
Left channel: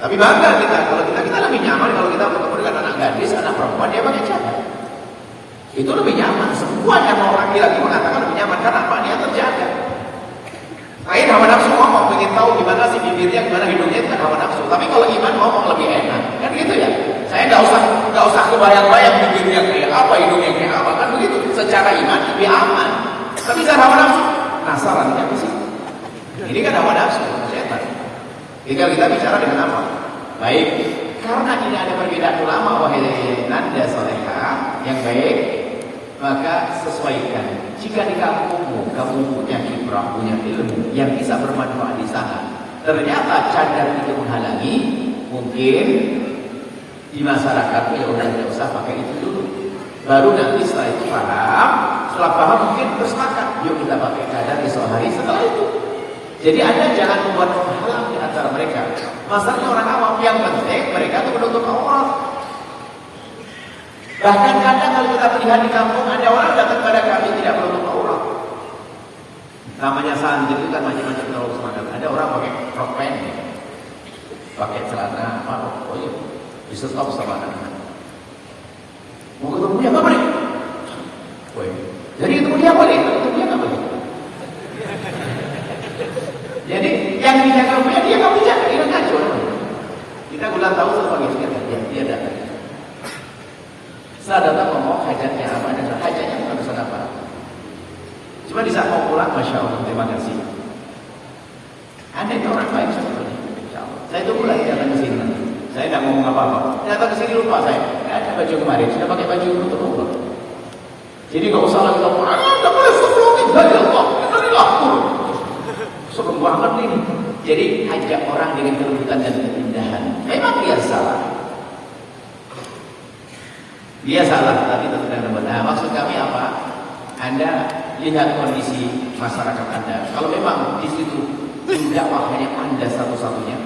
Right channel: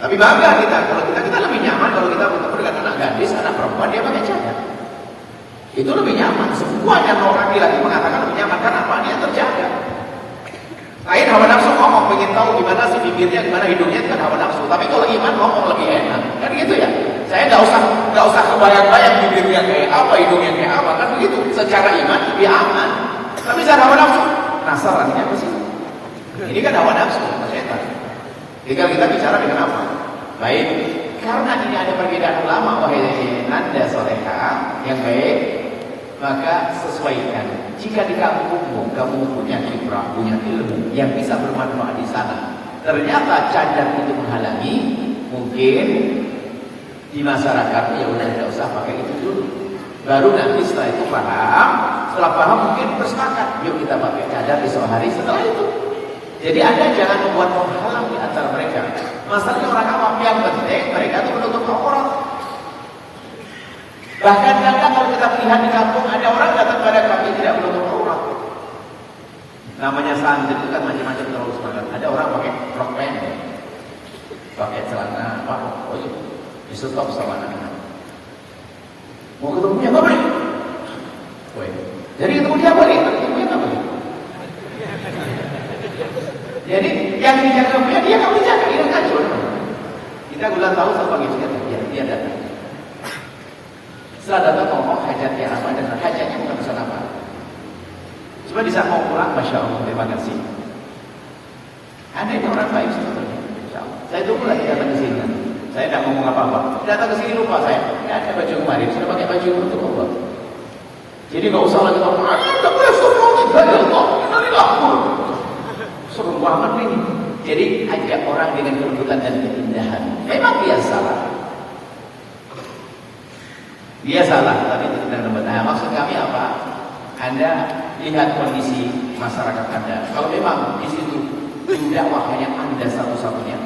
Tapi bangga kita, kalau kita lebih nyaman kalau kita bertemu dengan anak gadis, anak perempuan dia pakai cadar. Itu lebih nyaman. Semua yang orang laki mengatakan lebih nyaman karena apa? Dia terjaga. Lain hawa nafsu ngomong, ingin tahu gimana sih bibirnya, gimana hidungnya, dengan hawa nafsu. Tapi kalau iman ngomong lebih enak, kan gitu ya. Saya nggak usah kebayang-bayang bibirnya kayak apa, hidungnya kayak apa, kan begitu. Secara iman lebih aman. Tapi secara hawa nafsu, nasarannya apa sih? Ini kan hawa nafsu, setan. Tinggal kita bicara dengan apa? Baik, karena ini ada perbedaan ulama, wahai Anda solehah yang baik, maka sesuaikan. Jika di kampungmu kamu punya kiprah, punya ilmu yang bisa bermanfaat di sana, ternyata cadar itu menghalangi, mungkin di masyarakatmu ya udah tidak usah pakai itu dulu. Baru nanti setelah itu paham, setelah paham mungkin bersepakat, yuk kita pakai cadar esok hari setelah itu. Jadi Anda jangan membuat penghalang di antara mereka. Masalahnya orang awam yang penting mereka itu menutup aurat. Bahkan kadang kalau kita lihat di kampung ada orang datang pada kami tidak menutup aurat. Namanya santri itu kan macam-macam urusan. Ada orang pakai rok pendek, pakai celana apa? Oh iya, di stop sama anak. Mau ketemu dia apa nih? Jadi ketemu dia apa nih? Ketemu dia apa nih? Jadi yang dijaga dia kamu bisa mau pulang, Masya Allah, terima kasih. Anda itu orang baik sebetulnya. Saya tunggu lagi datang ke sini. Saya tidak ngomong apa-apa. Datang ke sini lupa saya. Ada baju kemarin, sudah pakai baju untuk Allah. Jadi nggak usah lagi ngomong, tidak boleh sebelumnya dari Allah, dari aku. Sebelum banget ini. Jadi ajak orang dengan kelembutan dan keindahan. Memang dia salah. Dia salah, tapi itu sedang lembut. Nah, maksud kami apa? Anda lihat kondisi masyarakat Anda. Kalau memang di situ tidak pakaian Anda satu-satunya,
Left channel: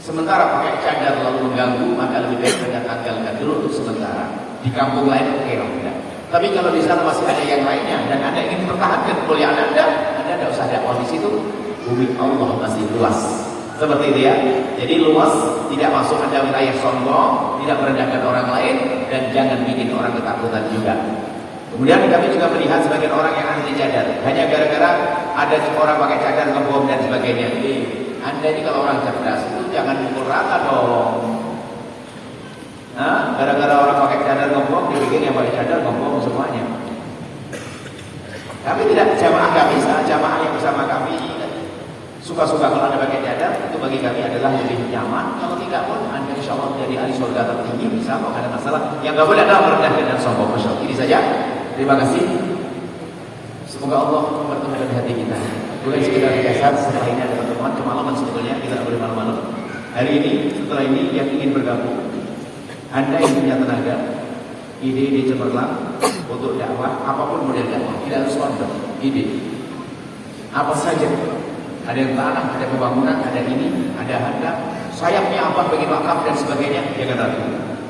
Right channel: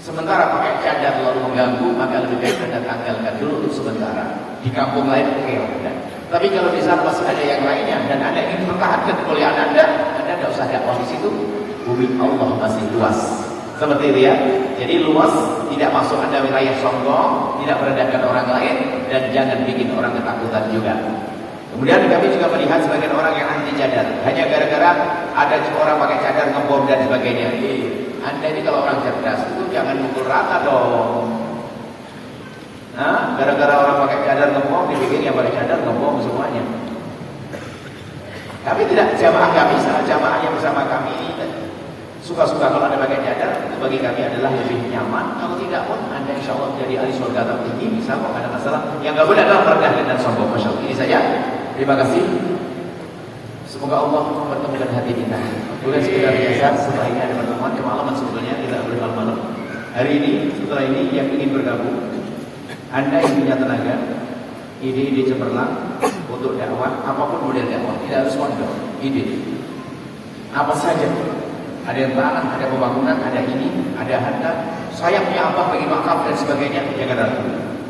sementara pakai cadar lalu mengganggu, maka lebih baik Anda tanggalkan dulu untuk sementara. Di kampung lain oke lah. Tapi kalau di sana masih ada yang lainnya dan Anda ingin mempertahankan kekuliaan Anda tidak usah dakwah di situ. Bumi Allah masih luas. Seperti itu ya. Jadi luas, tidak masuk Anda wilayah sombong, tidak merendahkan orang lain, dan jangan bikin orang ketakutan juga. Kemudian kami juga melihat sebagian orang yang anti cadar, hanya gara-gara ada orang pakai cadar ngebom dan sebagainya. Anda ini kalau orang cerdas itu jangan mukul rata dong. Nah, gara-gara orang pakai cadar ngebom, dibikin yang pakai cadar ngebom semuanya. Tapi tidak, jamaah kami, jamaah yang bersama kami suka-suka kalau Anda pakai cadar, itu bagi kami adalah lebih nyaman. Kalau tidak pun Anda insya Allah jadi ahli surga tertinggi, bisa kok, ada masalah. Yang nggak boleh adalah merendahkan dan sombong. Masya Allah. Ini saja. Terima kasih. Semoga Allah mempertemukan hati kita. Bukan sekedar biasa, setelah ini ada pertemuan kemaluan sebetulnya tidak boleh malu-malu. Hari ini, setelah ini yang ingin bergabung, Anda yang punya tenaga, ide-ide cemerlang untuk dakwah, apapun model dakwah, tidak harus sponsor, ide. Apa saja. Ada yang tanah, ada pembangunan, ada ini, ada harga. Saya punya apa bagi wakaf dan sebagainya. Jangan ragu.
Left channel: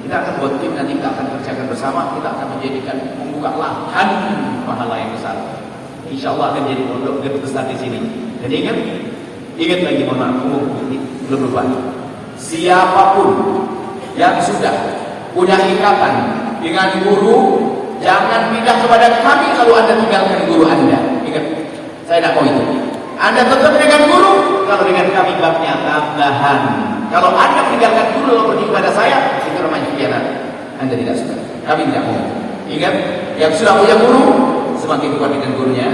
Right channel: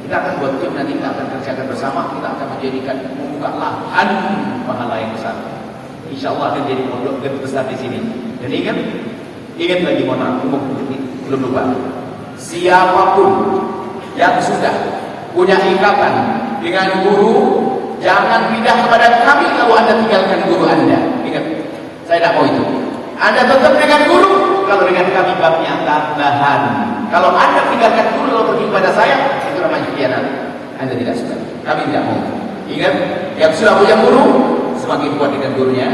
Kita akan buat tim, nanti kita akan kerjakan bersama. Kita akan menjadikan membuka lahan pahala yang besar. Insya Allah akan jadi pondok besar di sini. Dan ingat lagi mohon maaf, belum lupa. Siapapun yang sudah punya ikatan dengan guru, jangan pindah kepada kami kalau Anda tinggalkan guru Anda. Ingat, saya tidak mau itu. Anda tetap dengan guru, kalau dengan kami babnya tambahan. Kalau Anda tinggalkan guru lalu pergi kepada saya, itu namanya khianat. Anda tidak suka. Kami tidak mau. Ingat, yang sudah punya guru, semakin kuat dengan gurunya.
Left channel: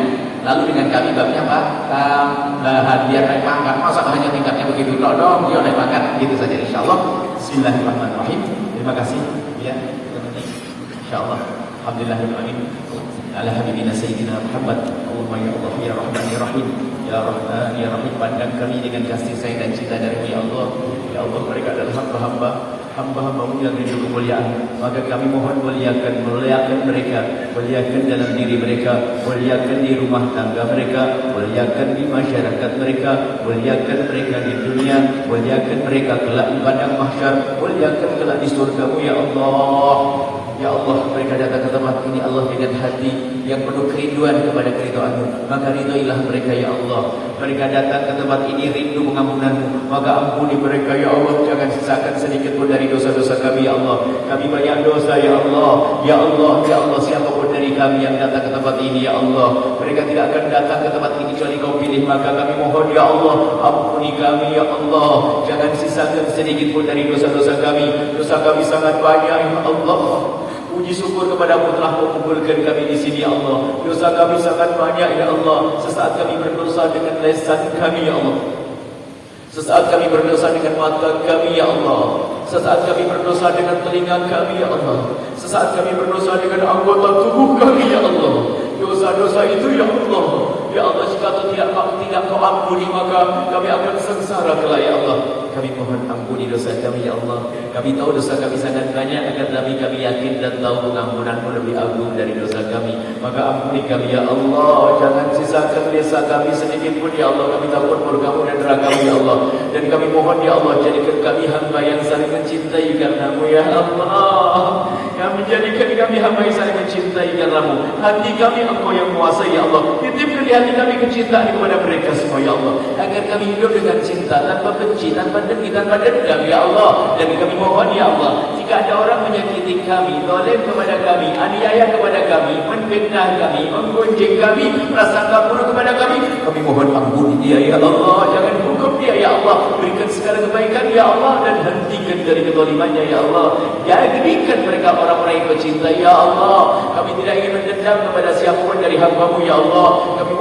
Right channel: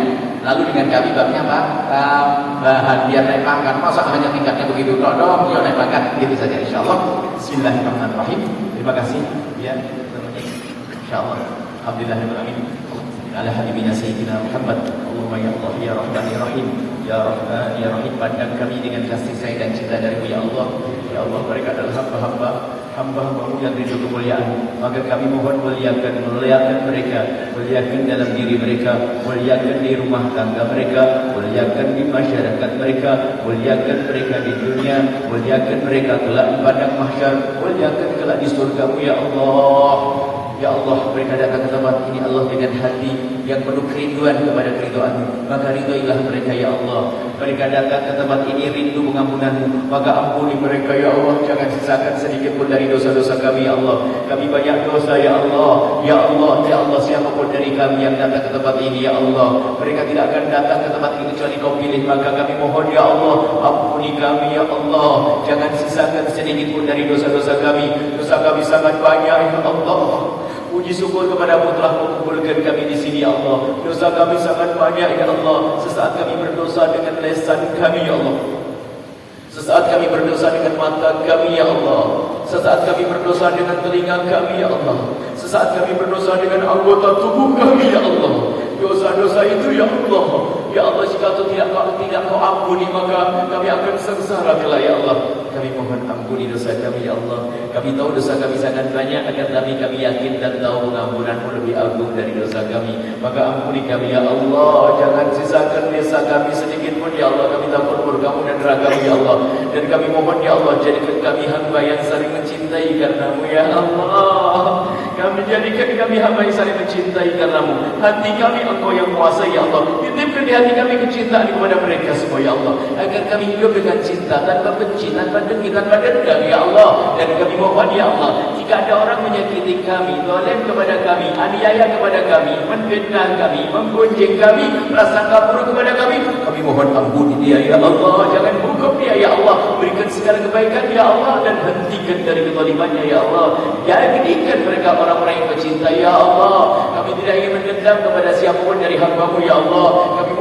Lalu dengan kami babnya apa? Tambahan, biar naik pangkat. Masa hanya tingkatnya begitu? Dong, biar naik pangkat. Gitu saja insyaAllah. Bismillahirrahmanirrahim. Terima kasih. Ya, insyaAllah. Alhamdulillahirrahmanirrahim. Ala habibina sayyidina Muhammad. Allahumma ya Allah ya Rahman ya Rahim. Ya Rahman ya Rahim, pandang kami dengan kasih sayang dan cinta dari Allah. Ya Allah, mereka adalah hamba-hambamu yang rindu kemuliaan. Maka kami mohon muliakan mereka, muliakan dalam diri mereka, muliakan di rumah tangga mereka, muliakan di masyarakat mereka, muliakan mereka di dunia, muliakan mereka kelak di padang mahsyar, muliakan kelak di surga-Mu ya Allah. Ya Allah, mereka datang ke tempat ini Allah dengan hati yang penuh kerinduan kepada keridhaan-Mu. Maka ridhoilah mereka ya Allah. Mereka datang ke tempat ini rindu pengampunan-Mu. Maka ampuni mereka ya Allah. Jangan sisakan sedikit pun dari dosa-dosa kami ya Allah. Kami banyak dosa ya Allah. Ya Allah, ya Allah, siapapun dari kami yang datang ke tempat ini ya Allah, mereka tidak akan datang ke tempat ini kecuali Kau pilih. Maka kami mohon ya Allah, ampuni kami ya Allah. Jangan sisakan sedikit pun dari dosa-dosa kami. Dosa kami sangat banyak ya Allah. Puji syukur kepada-Mu telah mengumpulkan kami di sini ya Allah. Dosa kami sangat banyak ya Allah. Sesaat kami berdosa dengan lisan kami ya Allah. Sesaat kami berdosa dengan mata kami ya Allah. Sesaat kami berdosa dengan telinga kami ya Allah. Sesaat kami berdosa dengan anggota tubuh kami ya Allah. Dosa-dosa itu ya Allah. Ya Allah, jika tidak Kau ampuni, maka kami akan sengsara kelak ya Allah. Kami mohon ampuni dosa kami ya Allah. Kami tahu dosa kami sangat banyak, akan tapi kami yakin dan tahu pengampunan-Mu lebih agung dari dosa kami. Maka ampuni kami ya Allah. Jangan sisakan dosa kami sedikit pun ya Allah. Kami takut murka-Mu dan neraka-Mu ya Allah. Dan kami mohon ya Allah, jadikan kami hamba yang saling mencintai karena-Mu ya Allah. Kami jadikan kami hamba yang saling mencintai karena-Mu. Hati kami Engkau yang kuasai ya Allah. Titipkan di hati kami kecintaan kepada mereka semua ya Allah, agar kami hidup dengan cinta, tanpa benci, tanpa dengki, tanpa dendam ya Allah. Dan kami mohon ya Allah, jika ada orang menyakiti kami, zalim kepada kami, aniaya kepada kami, menfitnah kami, menggunjing kami, prasangka buruk kepada kami mohon ampuni dia ya Allah. Jangan hukum dia ya Allah. Berikan segala kebaikan ya Allah, dan hentikan dari kezalimannya ya Allah. Jadikan mereka orang-orang yang bercinta ya Allah. Kami tidak ingin mendendam kepada siapapun dari hamba-Mu ya Allah. Kami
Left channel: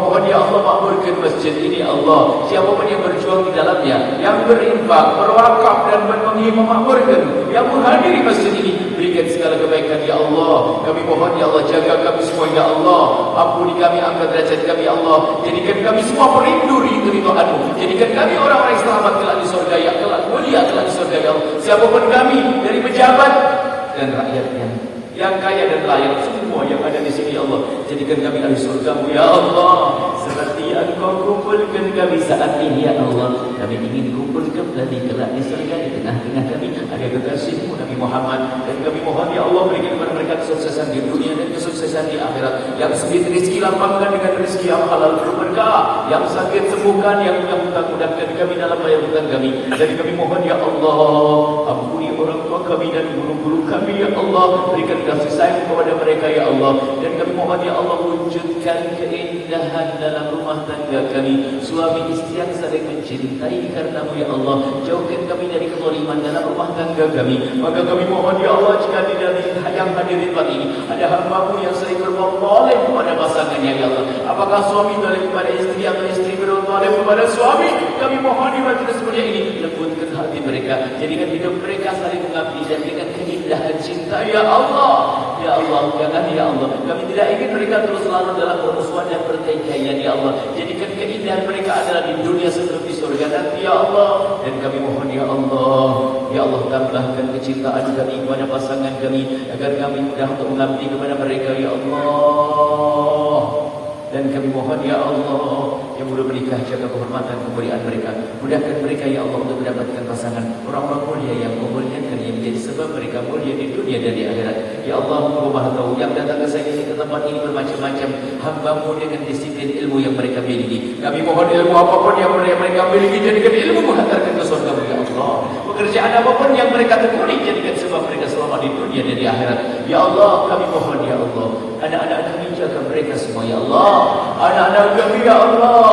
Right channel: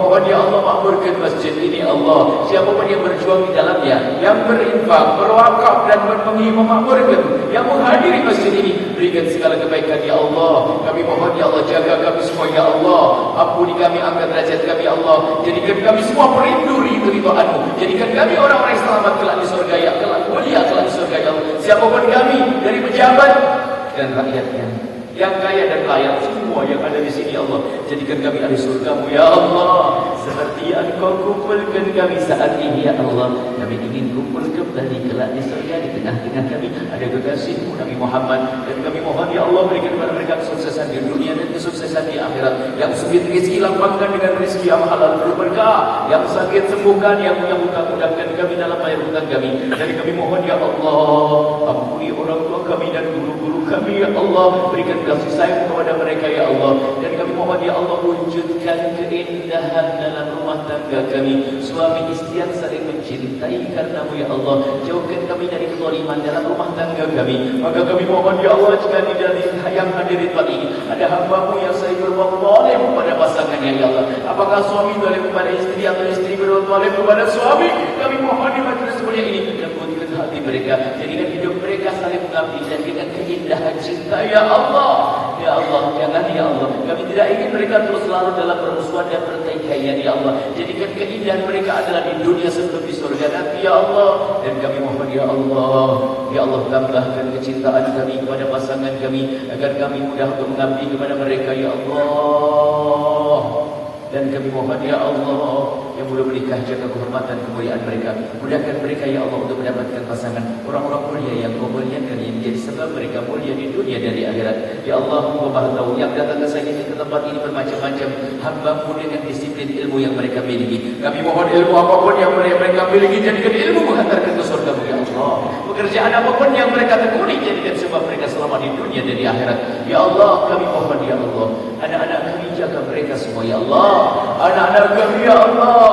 masjid ini Allah, siapa pun yang berjuang di dalamnya, yang berinfak, berwakaf dan memakmurkan, yang menghadiri masjid ini, berikan segala kebaikan ya Allah. Kami mohon ya Allah, jaga kami semua ya Allah, ampuni kami, angkat derajat kami ya Allah, jadikan kami semua merindu ridho-Mu, jadikan kami orang-orang selamat kelak di surga ya, kelak mulia kelak di surga ya Allah. Siapapun kami dari pejabat dan rakyatnya, yang kaya dan layak, semua yang ada di sini ya Allah, jadikan kami ahli surga-Mu ya Allah, seperti Engkau kumpulkan kami saat ini ya Allah. Kami ingin kumpul kembali kelak di surga, di tengah-tengah kami ada kekasih-Mu Nabi Muhammad, dan kami mohon ya Allah, berikan kepada mereka kesuksesan di dunia dan kesuksesan di akhirat. Yang sempit rezeki lapangkan dengan rezeki yang halal berberkah, yang sakit sembuhkan, yang hutang mudahkan kami dalam bayar hutang kami. Jadi kami mohon ya Allah, ampuni orang tua kami dan guru-guru kami ya Allah, berikan kasih sayang kepada mereka ya Allah. Dan kami mohon ya Allah, wujudkan keindahan dalam rumah tangga kami, suami istri yang saling mencintai karena-Mu ya Allah. Jauhkan kami dari kezaliman dalam rumah tangga kami. Maka kami mohon ya Allah, jika di dalam yang hadirin ini ada hamba-Mu yang sering berbuat zalim kepada pasangannya ya Allah, apakah suami zalim kepada istri atau istri berbuat zalim kepada suami, kami mohon di majlis mulia ini lembutkan hati mereka, jadikan hidup mereka saling mengabdi dan dengan keindahan cinta ya Allah. Ya Allah, jangan ya Allah, kami tidak ingin mereka terus selalu dalam permusuhan dan pertikaian ya Allah. Jadikan keindahan mereka adalah di dunia sebelum di surga nanti ya Allah. Dan kami mohon ya Allah, ya Allah, tambahkan kecintaan kami kepada pasangan kami, agar kami mudah untuk mengabdi kepada mereka ya Allah. Dan kami mohon ya Allah, yang belum menikah, jaga kehormatan kemuliaan mereka, mudahkan mereka ya Allah untuk mendapatkan pasangan orang-orang mulia yang memuliakan, yang menjadi sebab mereka mulia di dunia dan di akhirat. Ya Allah, Engkau Maha Tahu, yang datang ke saya ke tempat ini bermacam-macam hamba-Mu dengan disiplin ilmu yang mereka miliki. Kami mohon ilmu apapun yang mereka miliki, jadikan ilmu menghantarkan ke surga-Mu ya Allah. Pekerjaan apapun yang mereka tekuni, jadikan sebab mereka selamat di dunia dan di akhirat. Ya Allah, kami mohon ya Allah, anak-anak kami jaga mereka semua ya Allah. Anak-anak kami ya Allah,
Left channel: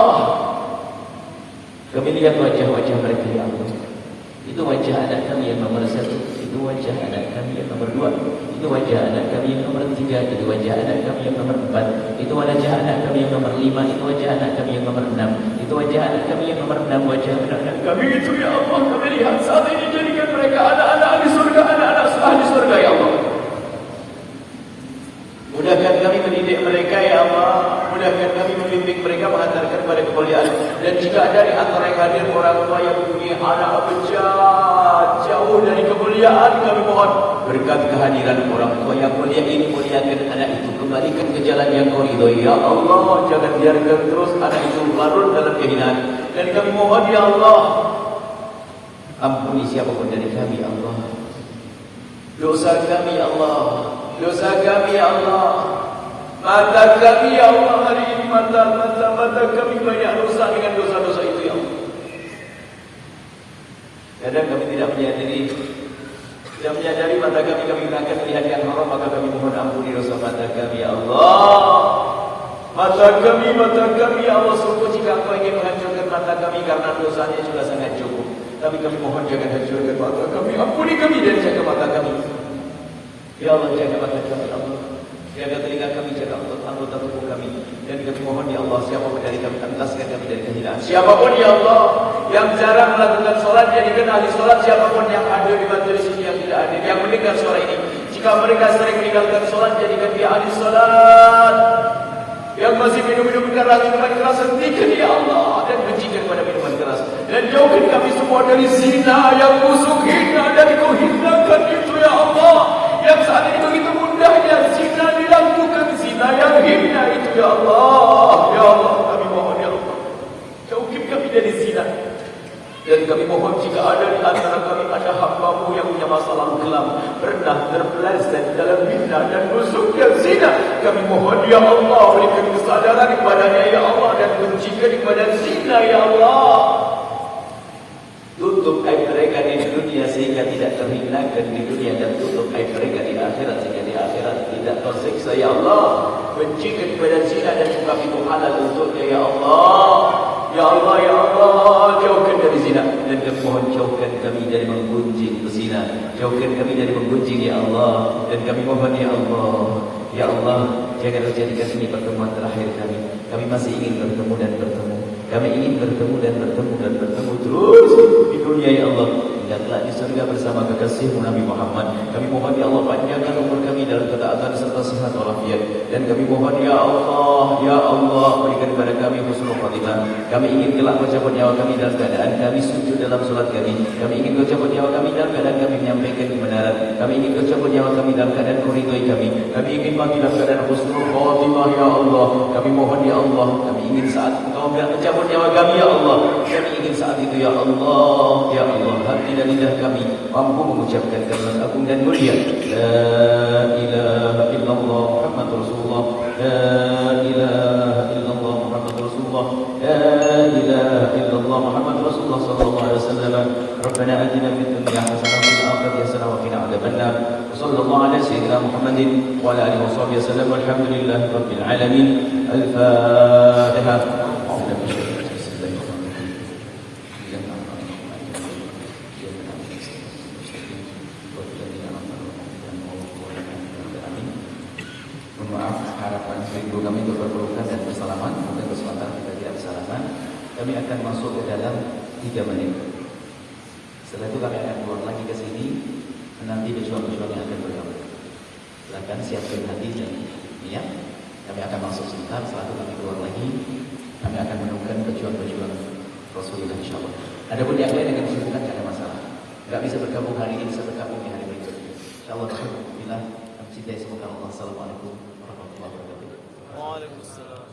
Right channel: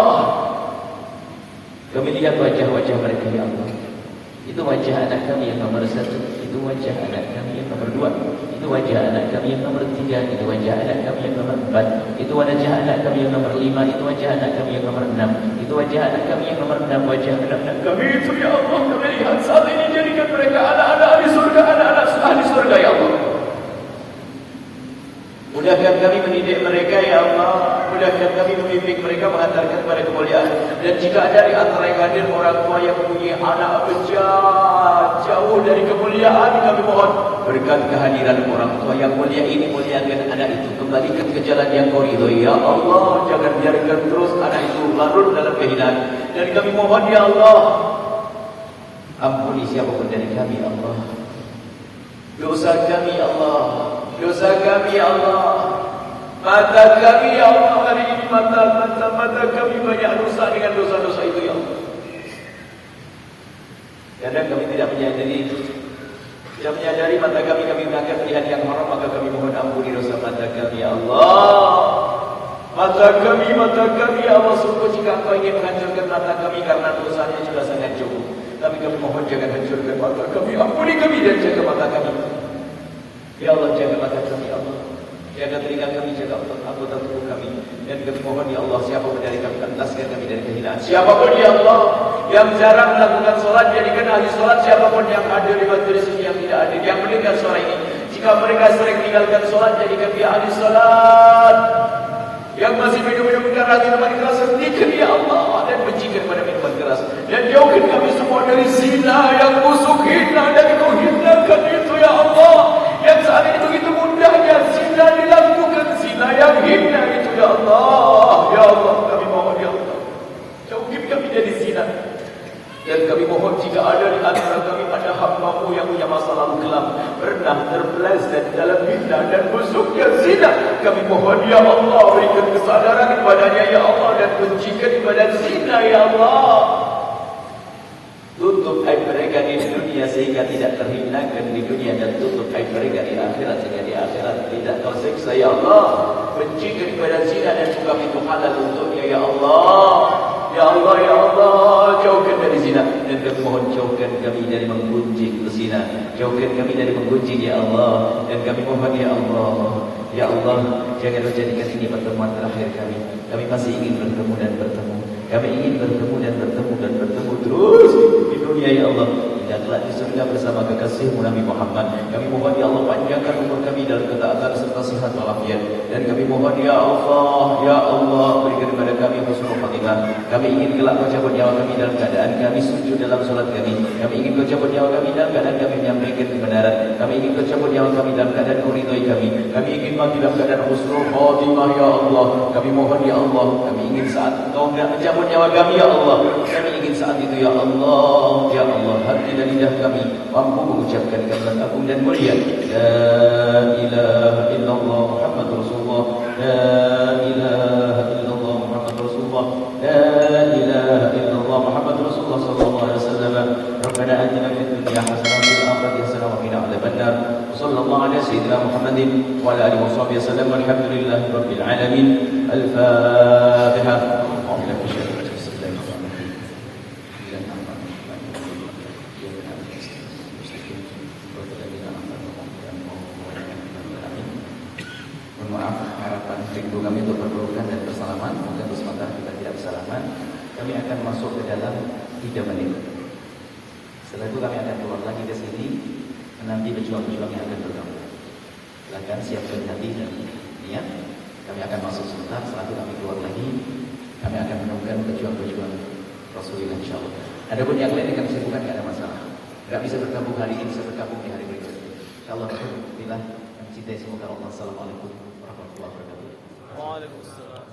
kami lihat wajah-wajah mereka ya Allah. Itu wajah anak kami yang nomor 1, itu wajah anak kami yang nomor 2, itu wajah anak kami yang nomor 3, itu wajah anak kami yang nomor 4, itu wajah anak kami yang nomor 5, itu wajah anak kami yang nomor 6, itu wajah anak kami yang nomor 6, wajah anak kami itu ya Allah. Kami lihat saat ini, jadikan mereka anak-anak di surga, anak-anak ahli surga ya Allah. Mudahkan kami mendidik mereka ya Allah, mudahkan kami membimbing mereka mengantarkan kepada kemuliaan. Dan jika ada di antara yang hadir orang tua yang mempunyai anak jauh dari kemuliaan, kami mohon berkat kehadiran orang tua yang mulia ini, muliakan anak itu, kembalikan ke jalan yang Kau ridhoi ya Allah. Jangan biarkan terus anak itu larut dalam kehinaan. Dan kami mohon ya Allah, ampuni siapapun dari kami ya Allah, dosa kami ya Allah, dosa kami ya Allah. Mata kami ya Allah, hari ini mata kami banyak rusak dengan dosa-dosa itu ya Allah. Kadang kami tidak menyadari mata kami menangkap melihat yang haram, maka kami mohon ampuni dosa mata kami ya Allah. Mata kami ya Allah, sungguh jika Engkau ingin menghancurkan mata kami karena dosanya sudah sangat cukup, tapi kami mohon jangan hancurkan mata kami, ampuni kami dan jaga mata kami ya Allah. Jaga mata kami ya Allah, jaga telinga kami, jaga anggota tubuh kami. Dan kami mohon ya Allah, siapapun dari kami, entaskan kami dari kehinaan. Siapapun ya Allah yang jarang melakukan sholat, jadikan ahli sholat. Siapapun yang hadir di majelis ini, yang tidak hadir, yang mendengar suara ini, jika mereka sering tinggalkan sholat, jadikan dia ahli sholat. Yang masih minum keras, minuman keras, hentikan ya Allah, dan bencikan pada minuman keras. Dan jauhkan kami semua dari zina yang busuk, hina, dan Kau hinakan itu ya Allah. Yang saat ini begitu mudahnya zina dilakukan, zina yang hina itu ya Allah. Ya Allah, kami mohon ya Allah, jauhkan kami dari zina. Dan kami mohon jika ada di antara kami ada hamba-Mu yang punya masa lalu kelam, pernah terpeleset dalam zina dan busuknya zina, kami mohon ya Allah, berikan kesadaran kepadanya ya Allah, dan bencikan kepada zina ya Allah. Tutup aib mereka di dunia sehingga tidak terhinakan di dunia, dan tutup aib mereka di akhirat sehingga di akhirat tidak tersiksa ya Allah. Bencikan kepada zina dan buka pintu halal untuknya ya Allah. Ya Allah, ya Allah, jauhkan dari zina. Dan kami mohon jauhkan kami dari menggunjing zina, jauhkan kami dari menggunjing ya Allah. Dan kami mohon ya Allah, ya Allah, jangan jadikan ini pertemuan terakhir kami. Kami masih ingin bertemu dan bertemu. Kami ingin bertemu dan bertemu dan bertemu terus di dunia ya Allah. Dan telah di surga bersama kekasihmu Nabi Muhammad. Kami mohon ya Allah panjangkan umur kami dalam ketaatan serta sihat walafiat. Dan kami mohon ya Allah berikan kepada kami husnul khatimah. Kami ingin kelak kau cabut nyawa kami dalam keadaan kami sujud dalam solat kami. Kami ingin kau cabut nyawa kami dalam keadaan kami menyampaikan kebenaran. Kami ingin kau cabut nyawa kami dalam keadaan kau ridhoi kami. Kami ingin mati dalam keadaan husnul khatimah ya Allah. Kami mohon ya Allah, kami ingin saat Engkau mencabut nyawa kami ya Allah. Kami ingin saat itu ya Allah, ya Allah, hati dan lidah kami mampu mengucapkan kalimat agung dan mulia. La ilaha illallah Muhammadur Rasulullah. La ilaha illallah Muhammadur Rasulullah. La ilaha illallah Muhammadur Rasulullah sallallahu alaihi wasallam. Rabbana atina fid dunya hasanah wa fil akhirati hasanah wa qina adzabannar. Sallallahu alaihi sayyidina Muhammadin wa ala alihi washabihi wasallam. Walhamdulillahi rabbil alamin. Al-Fatihah. Kami untuk berpelukan dan bersalaman. Mungkin sebentar kita tidak bersalaman. Kami akan masuk ke dalam 3 menit. Setelah itu kami akan keluar lagi ke sini. Nanti pejuang-pejuang yang akan bergabung. Silakan siapkan hati dan niat. Kami akan masuk sebentar. Setelah itu kami keluar lagi. Kami akan menemukan pejuang-pejuang Rasulullah insyaAllah. Adapun yang lain dengan kesibukan tidak ada masalah. Tidak bisa bergabung hari ini, bisa bergabung di hari berikutnya. InsyaAllah. Alhamdulillah. Mencintai semoga Allah. Assalamualaikum warahmatullahi wabarakatuh. Waalaikumsalam.